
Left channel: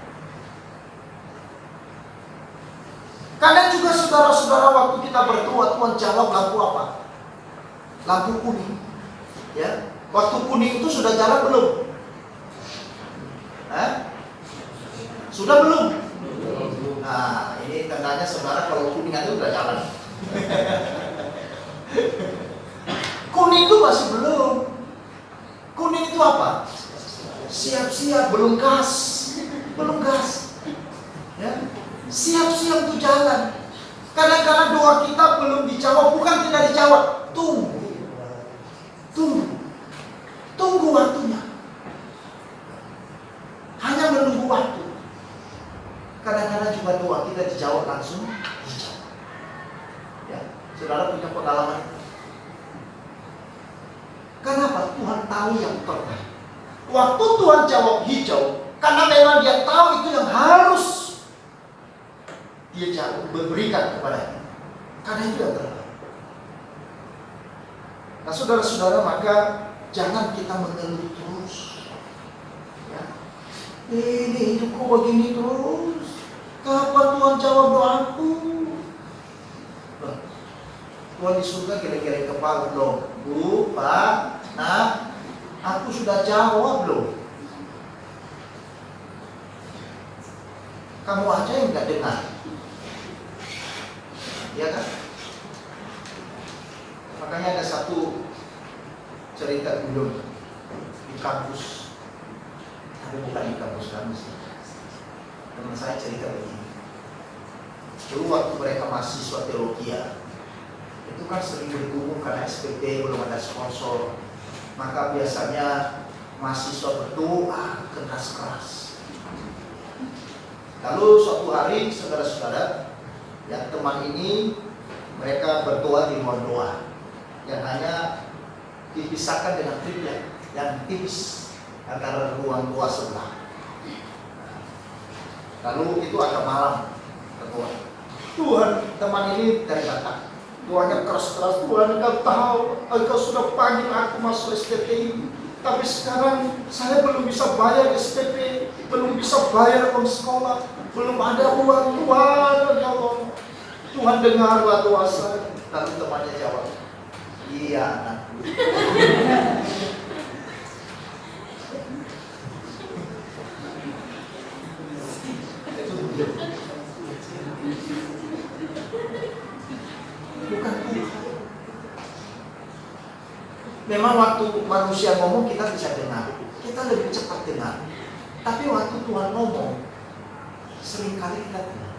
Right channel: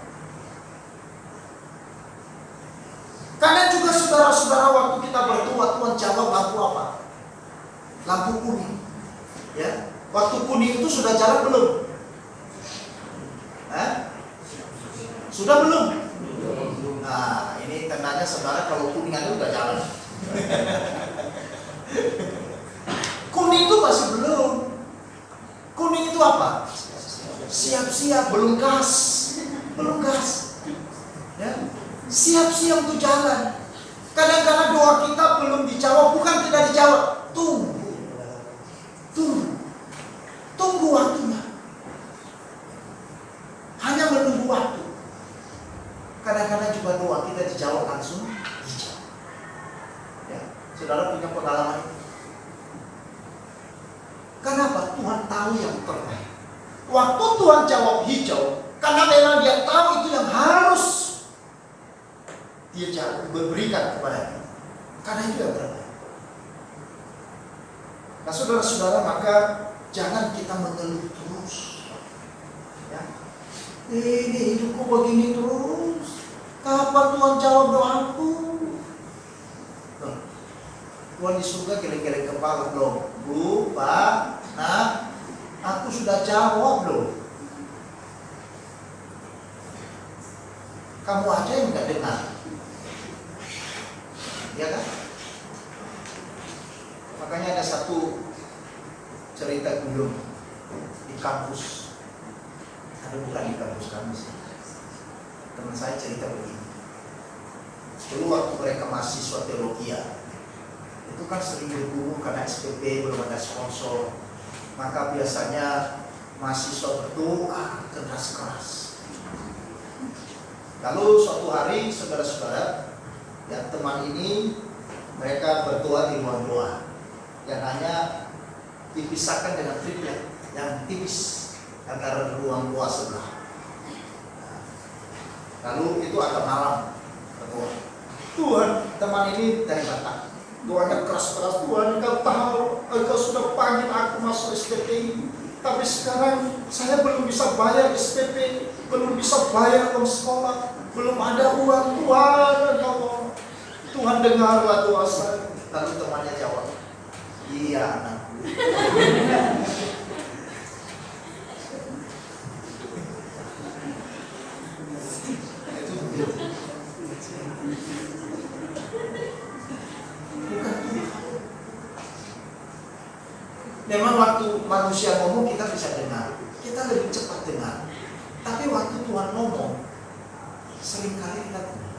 Kadang juga saudara-saudara waktu kita berdoa, Tuhan jawab lampu apa? Lampu kuning. Ya, waktu kuning itu sudah jalan belum? Sudah belum? Nah, ini tandanya saudara kalau kuning aja udah jalan. Kuning itu masih belum. Kuning itu apa? Siap-siap, belum gas. Belum gas. Ya, siap-siap untuk jalan. Kadang-kadang doa kita belum dijawab, bukan tidak dijawab. Tunggu waktunya. Hanya menunggu waktu. Kadang-kadang juga doa kita dijawab langsung hijau. Ya, saudara punya pengalaman itu. Kenapa? Tuhan tahu yang terbaik. Waktu Tuhan jawab hijau, karena memang Dia tahu itu yang harus Dia jawab, berikan kepada kita. Karena itu yang terbaik. Nah, saudara-saudara, maka jangan kita mengeluh terus. Ya. Ini hidupku begini terus. Kapan Tuhan jawab doaku? Nah, Tuhan di surga geleng-geleng kepala loh. Bu, Pak, Nak, aku sudah jawab loh. Kamu aja yang nggak dengar. Ya kan? Makanya ada satu cerita dulu di kampus, tapi bukan di kampus kami sih. Teman saya cerita begini. Dulu waktu mereka mahasiswa teologi, itu kan sering bergumul karena SPP belum ada sponsor. Maka biasanya mahasiswa berdoa keras-keras. Lalu suatu hari saudara-saudara, yang teman ini mereka berdoa di ruang doa yang hanya dipisahkan dengan triplet yang tipis antara ruang doa sebelah. Lalu itu agak malam berdoa. Tuhan, teman ini dari Batak, doanya keras-keras. Tuhan, Engkau tahu, Engkau sudah panggil aku masuk SPP, tapi sekarang saya belum bisa bayar SPP, belum bisa bayar uang sekolah, belum ada uang. Tuhan, Engkau, Tuhan dengarlah doa saya. Lalu temannya jawab, iya anakku. Memang waktu manusia ngomong kita bisa dengar, kita lebih cepat dengar. Tapi waktu Tuhan ngomong, seringkali kita dengar.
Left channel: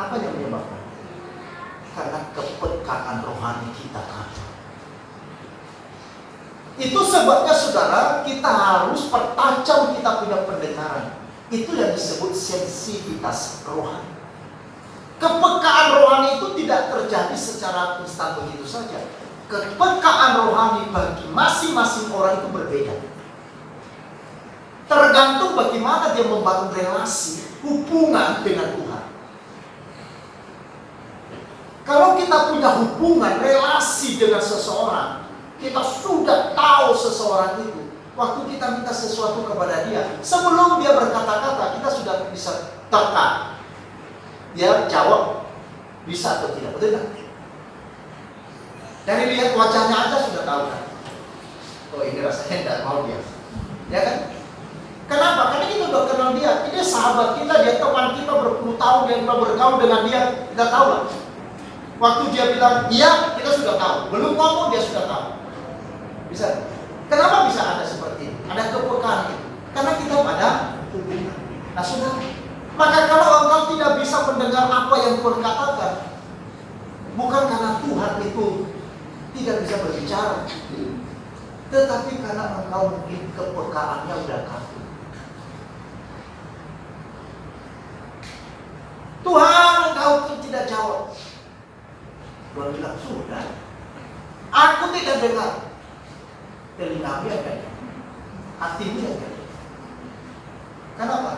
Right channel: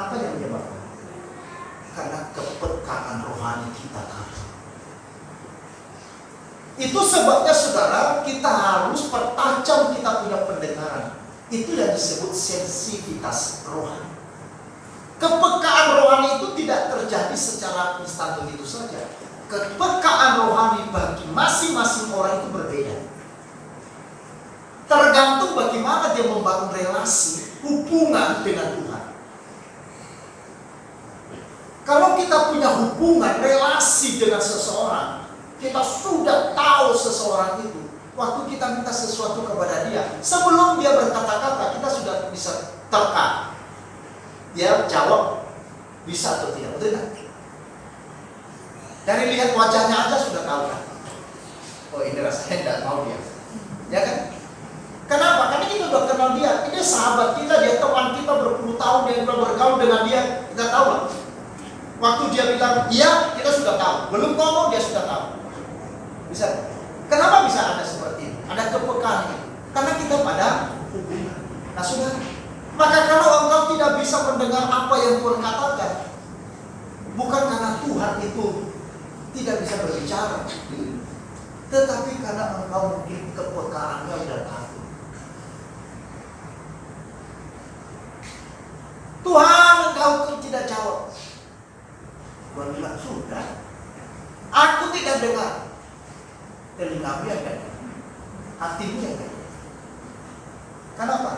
Apa yang menyebabkan? Karena kepekaan rohani kita kan. Itu sebabnya saudara, kita harus pertajam kita punya pendengaran. Itu yang disebut sensitivitas rohani. Kepekaan rohani itu tidak terjadi secara instan begitu saja. Kepekaan rohani bagi masing-masing orang itu berbeda. Tergantung bagaimana dia membangun relasi, hubungan dengan Tuhan. Kalau kita punya hubungan, relasi dengan seseorang, kita sudah tahu seseorang itu. Waktu kita minta sesuatu kepada dia, sebelum dia berkata-kata, kita sudah bisa terka. Dia jawab, bisa atau tidak, betul tidak? Dari lihat wajahnya aja sudah tahu kan? Oh ini rasanya tidak mau dia, ya kan? Kenapa? Karena kita sudah kenal dia. Ini sahabat kita, dia teman kita berpuluh tahun, dia sudah bergaul dengan dia, kita tahu lah. Waktu dia bilang iya, kita sudah tahu. Belum ngomong dia sudah tahu. Bisa? Kenapa bisa ada seperti ini? Ada kepekaan itu. Karena kita pada hubungan. Nah saudara, maka kalau engkau tidak bisa mendengar apa yang Tuhan katakan, bukan karena Tuhan itu tidak bisa berbicara, tetapi karena engkau mungkin kepekaannya sudah kaku. Tuhan, engkau tidak jawab. Tuhan bilang, sudah, aku tidak dengar. Telingamu yang dengar, hatimu yang dengar. Kenapa?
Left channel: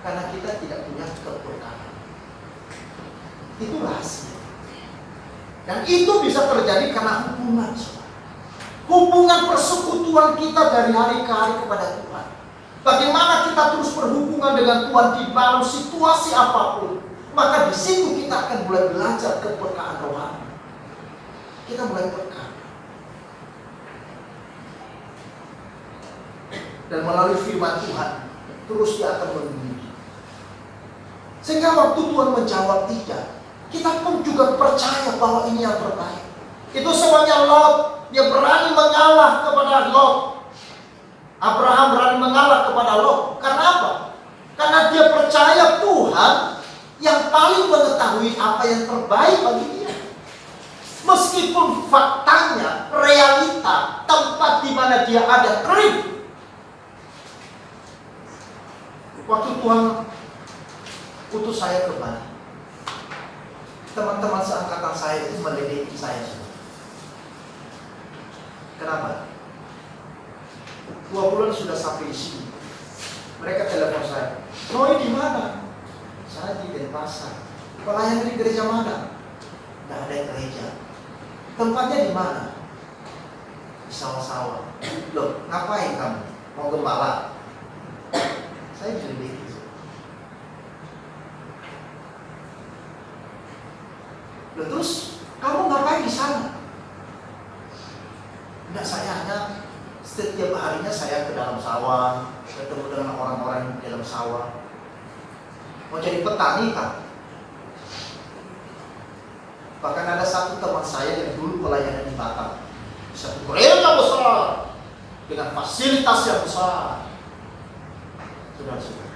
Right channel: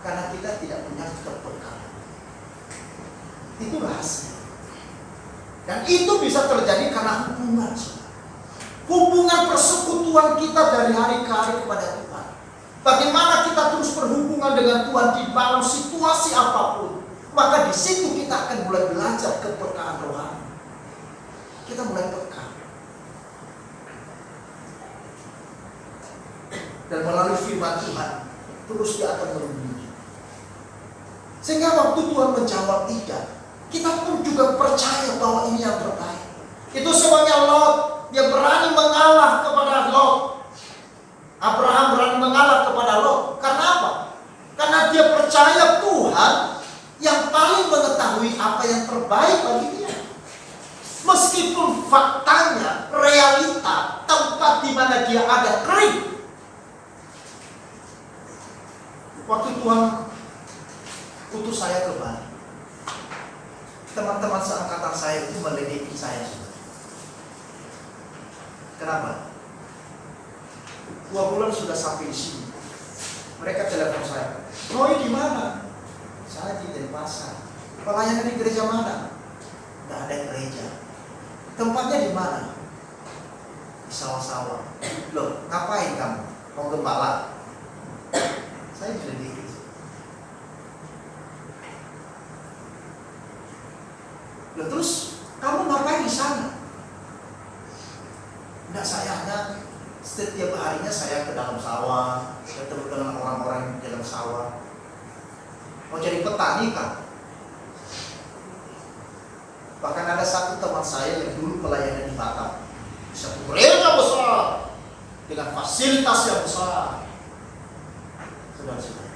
Karena kita tidak punya kepekaan. Itu rahasia. Dan itu bisa terjadi karena hubungan. Hubungan persekutuan kita dari hari ke hari kepada Tuhan. Bagaimana kita terus berhubungan dengan Tuhan di dalam situasi apapun. Maka di situ kita akan mulai belajar kepekaan rohani. Kita mulai peka. Dan melalui firman Tuhan, terus dia akan membimbing. Sehingga waktu Tuhan menjawab tidak, kita pun juga percaya bahwa ini yang terbaik. Itu sebabnya Lot, dia berani mengalah kepada Lot. Abraham berani mengalah kepada Lot. Karena apa? Karena dia percaya Tuhan yang paling mengetahui apa yang terbaik bagi dia. Meskipun faktanya, realita, tempat di mana dia ada kering. Waktu Tuhan utus saya ke Bali, teman-teman seangkatan saya itu meledekin saya. Kenapa? 2 bulan sudah sampai di sini. Mereka telepon saya, "Roy di mana?" Saya di Denpasar. "Pelayanan di gereja mana?" Tidak ada gereja. "Tempatnya di mana?" "Di sawah-sawah." "Loh, ngapain kamu? Mau gembala?" Saya diledekin. "Loh, terus kamu ngapain di sana?" "Enggak, saya hanya setiap harinya saya ke dalam sawah, ketemu dengan orang-orang di dalam sawah." "Mau jadi petani kan?" Bahkan ada satu teman saya yang dulu pelayanan di Batam, satu gereja besar dengan fasilitas yang besar. Saudara-saudara,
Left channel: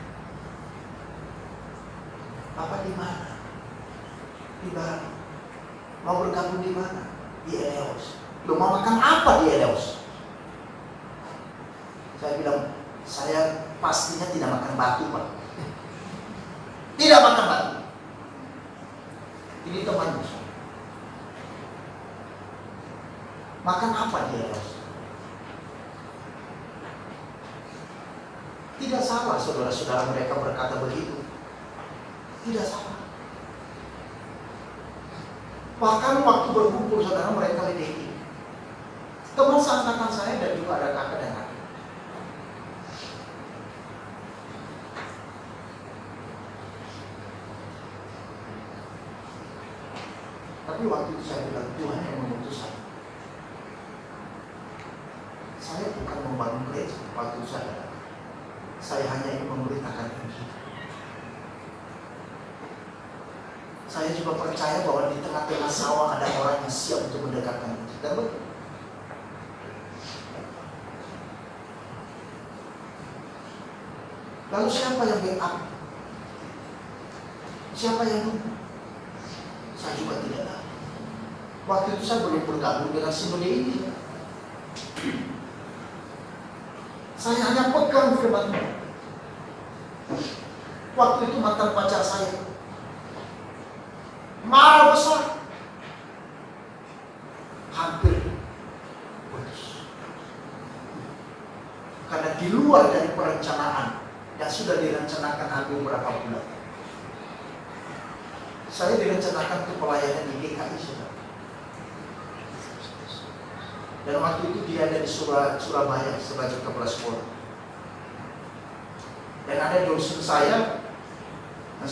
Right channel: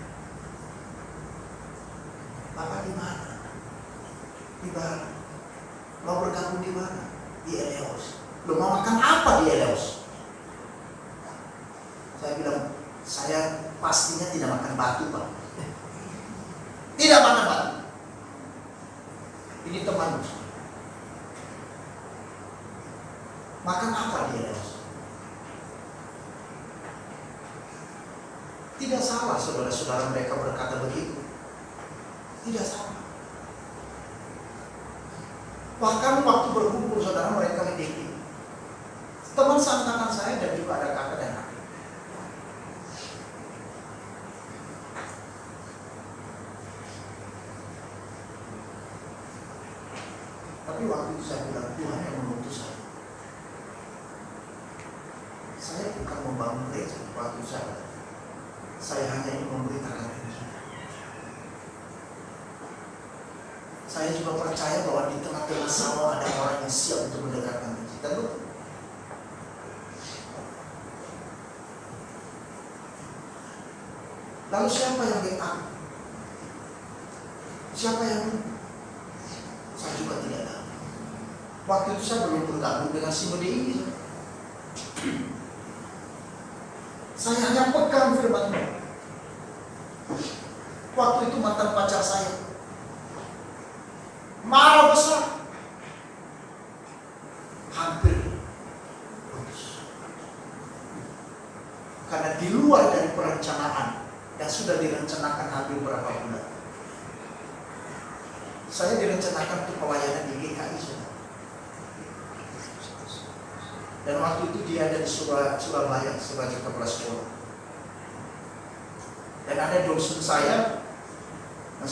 Bapak di mana? Di Bali. Mau bergabung di mana? Di Eleos. Lu mau makan apa di Eleos? Saya bilang, saya pastinya tidak makan batu, Pak. Tidak makan batu. Ini teman. Makan apa dia? Tidak salah saudara-saudara mereka berkata begitu. Tidak salah. Bahkan waktu berkumpul saudara mereka ledeki. Teman seangkatan saya dan juga ada kakak dan adik. Tapi waktu itu saya bilang, Tuhan yang mengutus saya. Saya bukan membangun gereja waktu saya hanya ingin memberitakan Injil. Saya juga percaya bahwa di tengah-tengah sawah ada orang yang siap untuk mendekatkan kita. Lalu siapa yang backup? Siapa yang? Saya juga tidak tahu. Waktu itu saya belum bergabung dengan sinode ini. Saya hanya pegang firman Tuhan. Waktu itu mantan pacar saya marah besar, hampir putus. Karena di luar dari perencanaan yang sudah direncanakan hampir berapa bulan. Saya direncanakan untuk pelayanan di GKI saudara. Dan waktu itu dia ada di Surabaya sebagai kepala sekolah. Dan ada dosen saya yang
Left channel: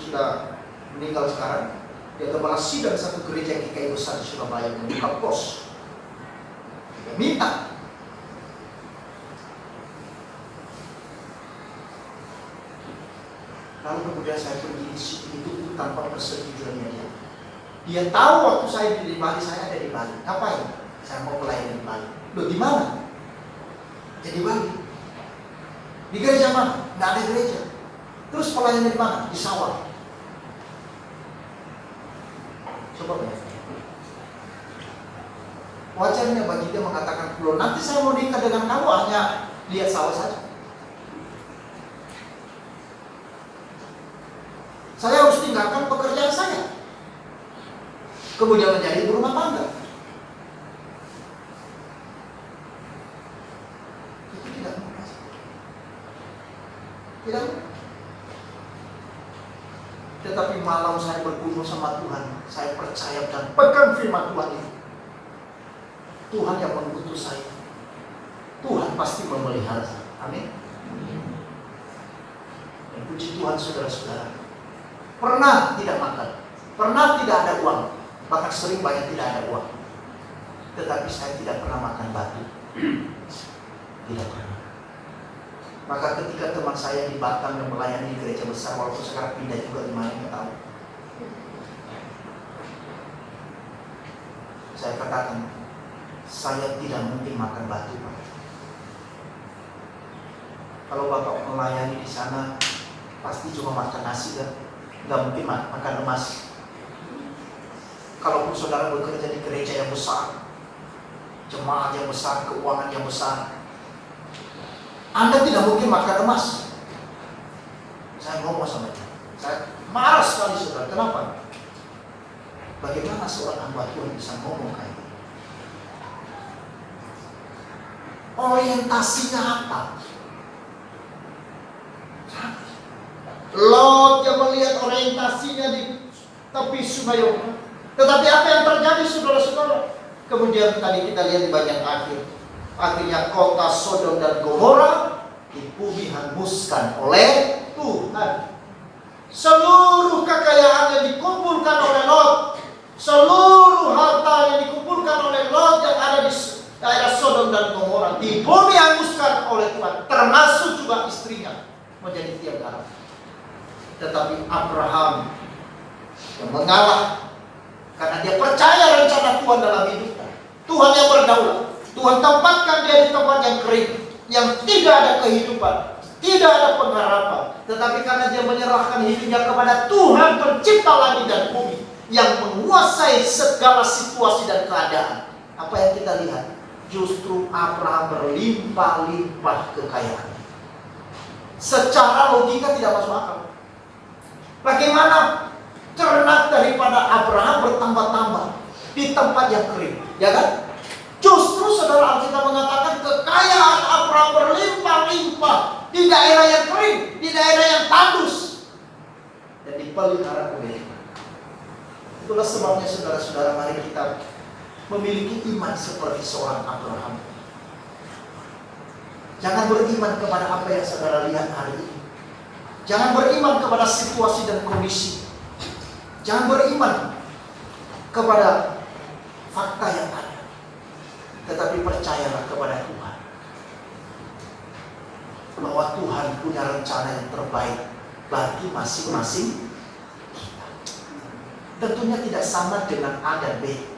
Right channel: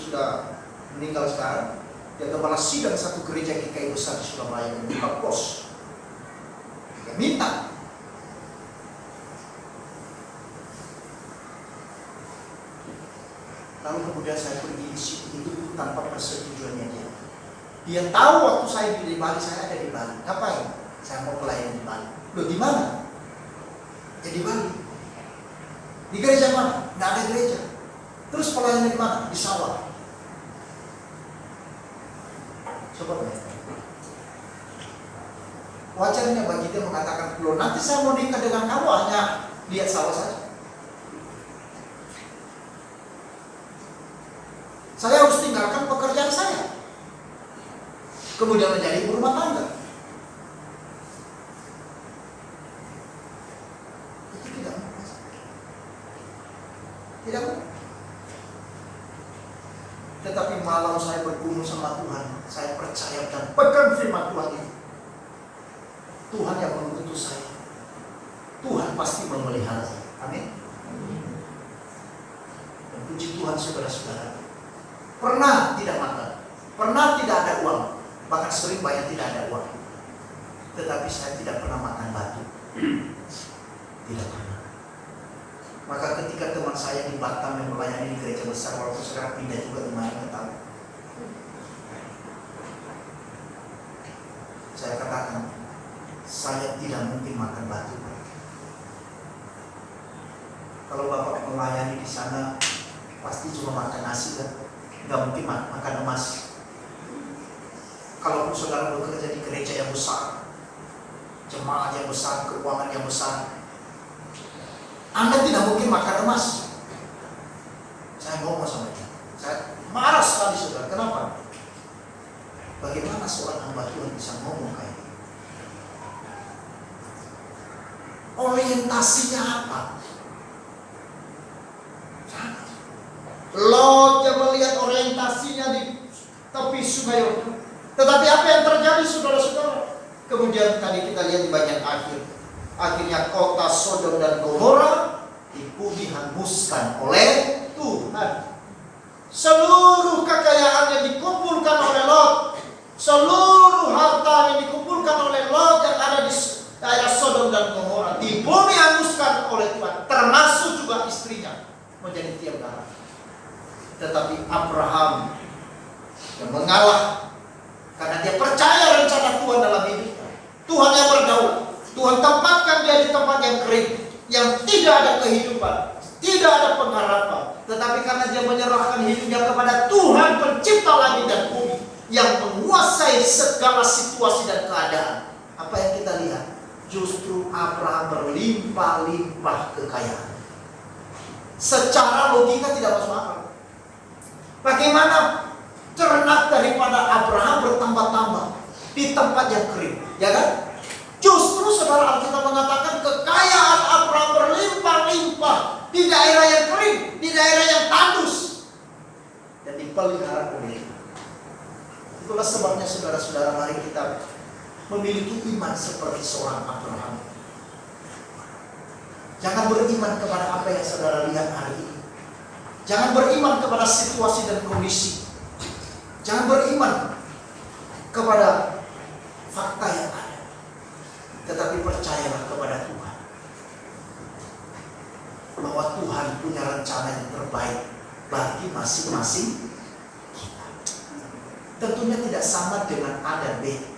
sudah meninggal sekarang. Dia kepala sidang satu gereja GKI besar di Surabaya yang buka pos. Dia minta. Lalu kemudian saya pergi di situ itu tanpa persetujuannya dia. Dia tahu waktu saya di Bali, saya ada di Bali. Ngapain? Saya mau pelayanan di Bali. Loh di mana? Ya di Bali. Di gereja mana? Nggak ada gereja. Terus pelayanan di mana? Di sawah. Coba bayangkan. Wajarnya bagi dia mengatakan, loh nanti saya mau nikah dengan kamu hanya lihat sawah saja. Saya harus tinggalkan pekerjaan saya. Kemudian menjadi ibu rumah tangga. Itu tidak mungkin. Tidak mungkin. Tetapi malam saya bergumul sama Tuhan, saya percaya dan pegang firman Tuhan itu. Tuhan yang mengutus saya. Tuhan pasti memelihara saya. Amin. Dan puji Tuhan saudara-saudara. Pernah tidak makan, pernah tidak ada uang, bahkan sering banyak tidak ada uang. Tetapi saya tidak pernah makan batu. Tidak pernah. Maka ketika teman saya di Batam yang melayani di gereja besar, walaupun sekarang pindah juga di Malang, saya katakan, saya tidak mungkin makan batu. Kalau Bapak melayani di sana, pasti cuma makan nasi kan? Nggak mungkin makan emas. Kalaupun saudara bekerja di gereja yang besar, jemaat yang besar, keuangan yang besar, Anda tidak mungkin makan emas. Saya ngomong sama dia, saya marah sekali saudara. Kenapa? Bagaimana seorang hamba Tuhan bisa ngomong kayak ini? Orientasinya apa? Lot yang melihat orientasinya di tepi sungai Yordan. Tetapi apa yang terjadi saudara-saudara? Kemudian tadi kita lihat di bagian akhir. Akhirnya kota Sodom dan Gomora dibumi hanguskan oleh Tuhan. Seluruh kekayaan yang dikumpulkan oleh Lot, seluruh harta yang dikumpulkan oleh Lot yang ada di daerah Sodom dan Gomora dibumi hanguskan oleh Tuhan, termasuk juga istrinya menjadi tiang darah. Tetapi Abraham yang mengalah karena dia percaya rencana Tuhan dalam hidupnya. Tuhan yang berdaulat. Tuhan tempatkan dia di tempat yang kering, yang tidak ada kehidupan, tidak ada pengharapan. Tetapi karena dia menyerahkan hidupnya kepada Tuhan pencipta langit dan bumi, yang menguasai segala situasi dan keadaan. Apa yang kita lihat? justru Abraham berlimpah-limpah kekayaan. Secara logika tidak masuk akal. Bagaimana ternak daripada Abraham bertambah-tambah di tempat yang kering, ya kan? Justru saudara, Alkitab mengatakan kekayaan Abraham berlimpah-limpah di daerah yang kering, di daerah yang tandus, dan dipelihara pemiliknya. Itulah sebabnya saudara-saudara, mari kita memiliki iman seperti seorang Abraham. Jangan beriman kepada apa yang saudara lihat hari ini. Jangan beriman kepada situasi dan kondisi. Jangan beriman kepada fakta yang ada. Tetapi percayalah kepada Tuhan, bahwa Tuhan punya rencana yang terbaik bagi masing-masing kita. Tentunya tidak sama dengan A dan B.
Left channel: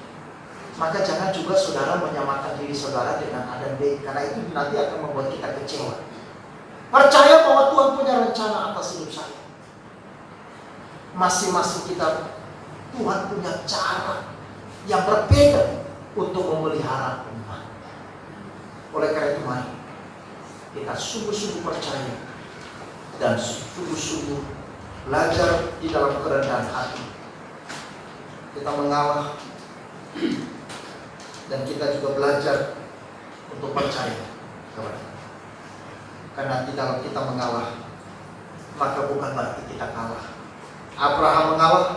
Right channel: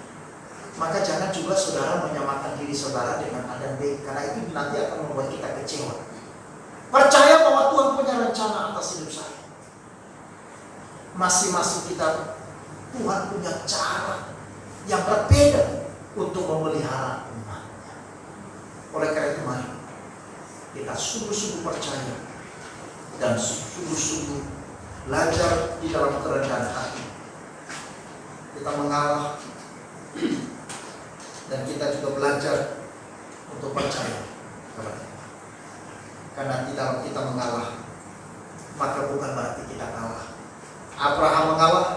Maka jangan juga saudara menyamakan diri saudara dengan A dan B, karena itu nanti akan membuat kita kecewa. Percaya bahwa Tuhan punya rencana atas hidup saya. Masing-masing kita, Tuhan punya cara yang berbeda untuk memelihara umat. Oleh karena itu, mari kita sungguh-sungguh percaya dan sungguh-sungguh belajar di dalam kerendahan hati. Kita mengalah, dan kita juga belajar untuk percaya. Karena tidak kita mengalah, maka bukan berarti kita kalah. Abraham mengalah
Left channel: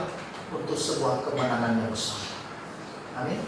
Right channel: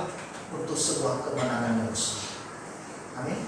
untuk sebuah kemenangan yang besar. Amin.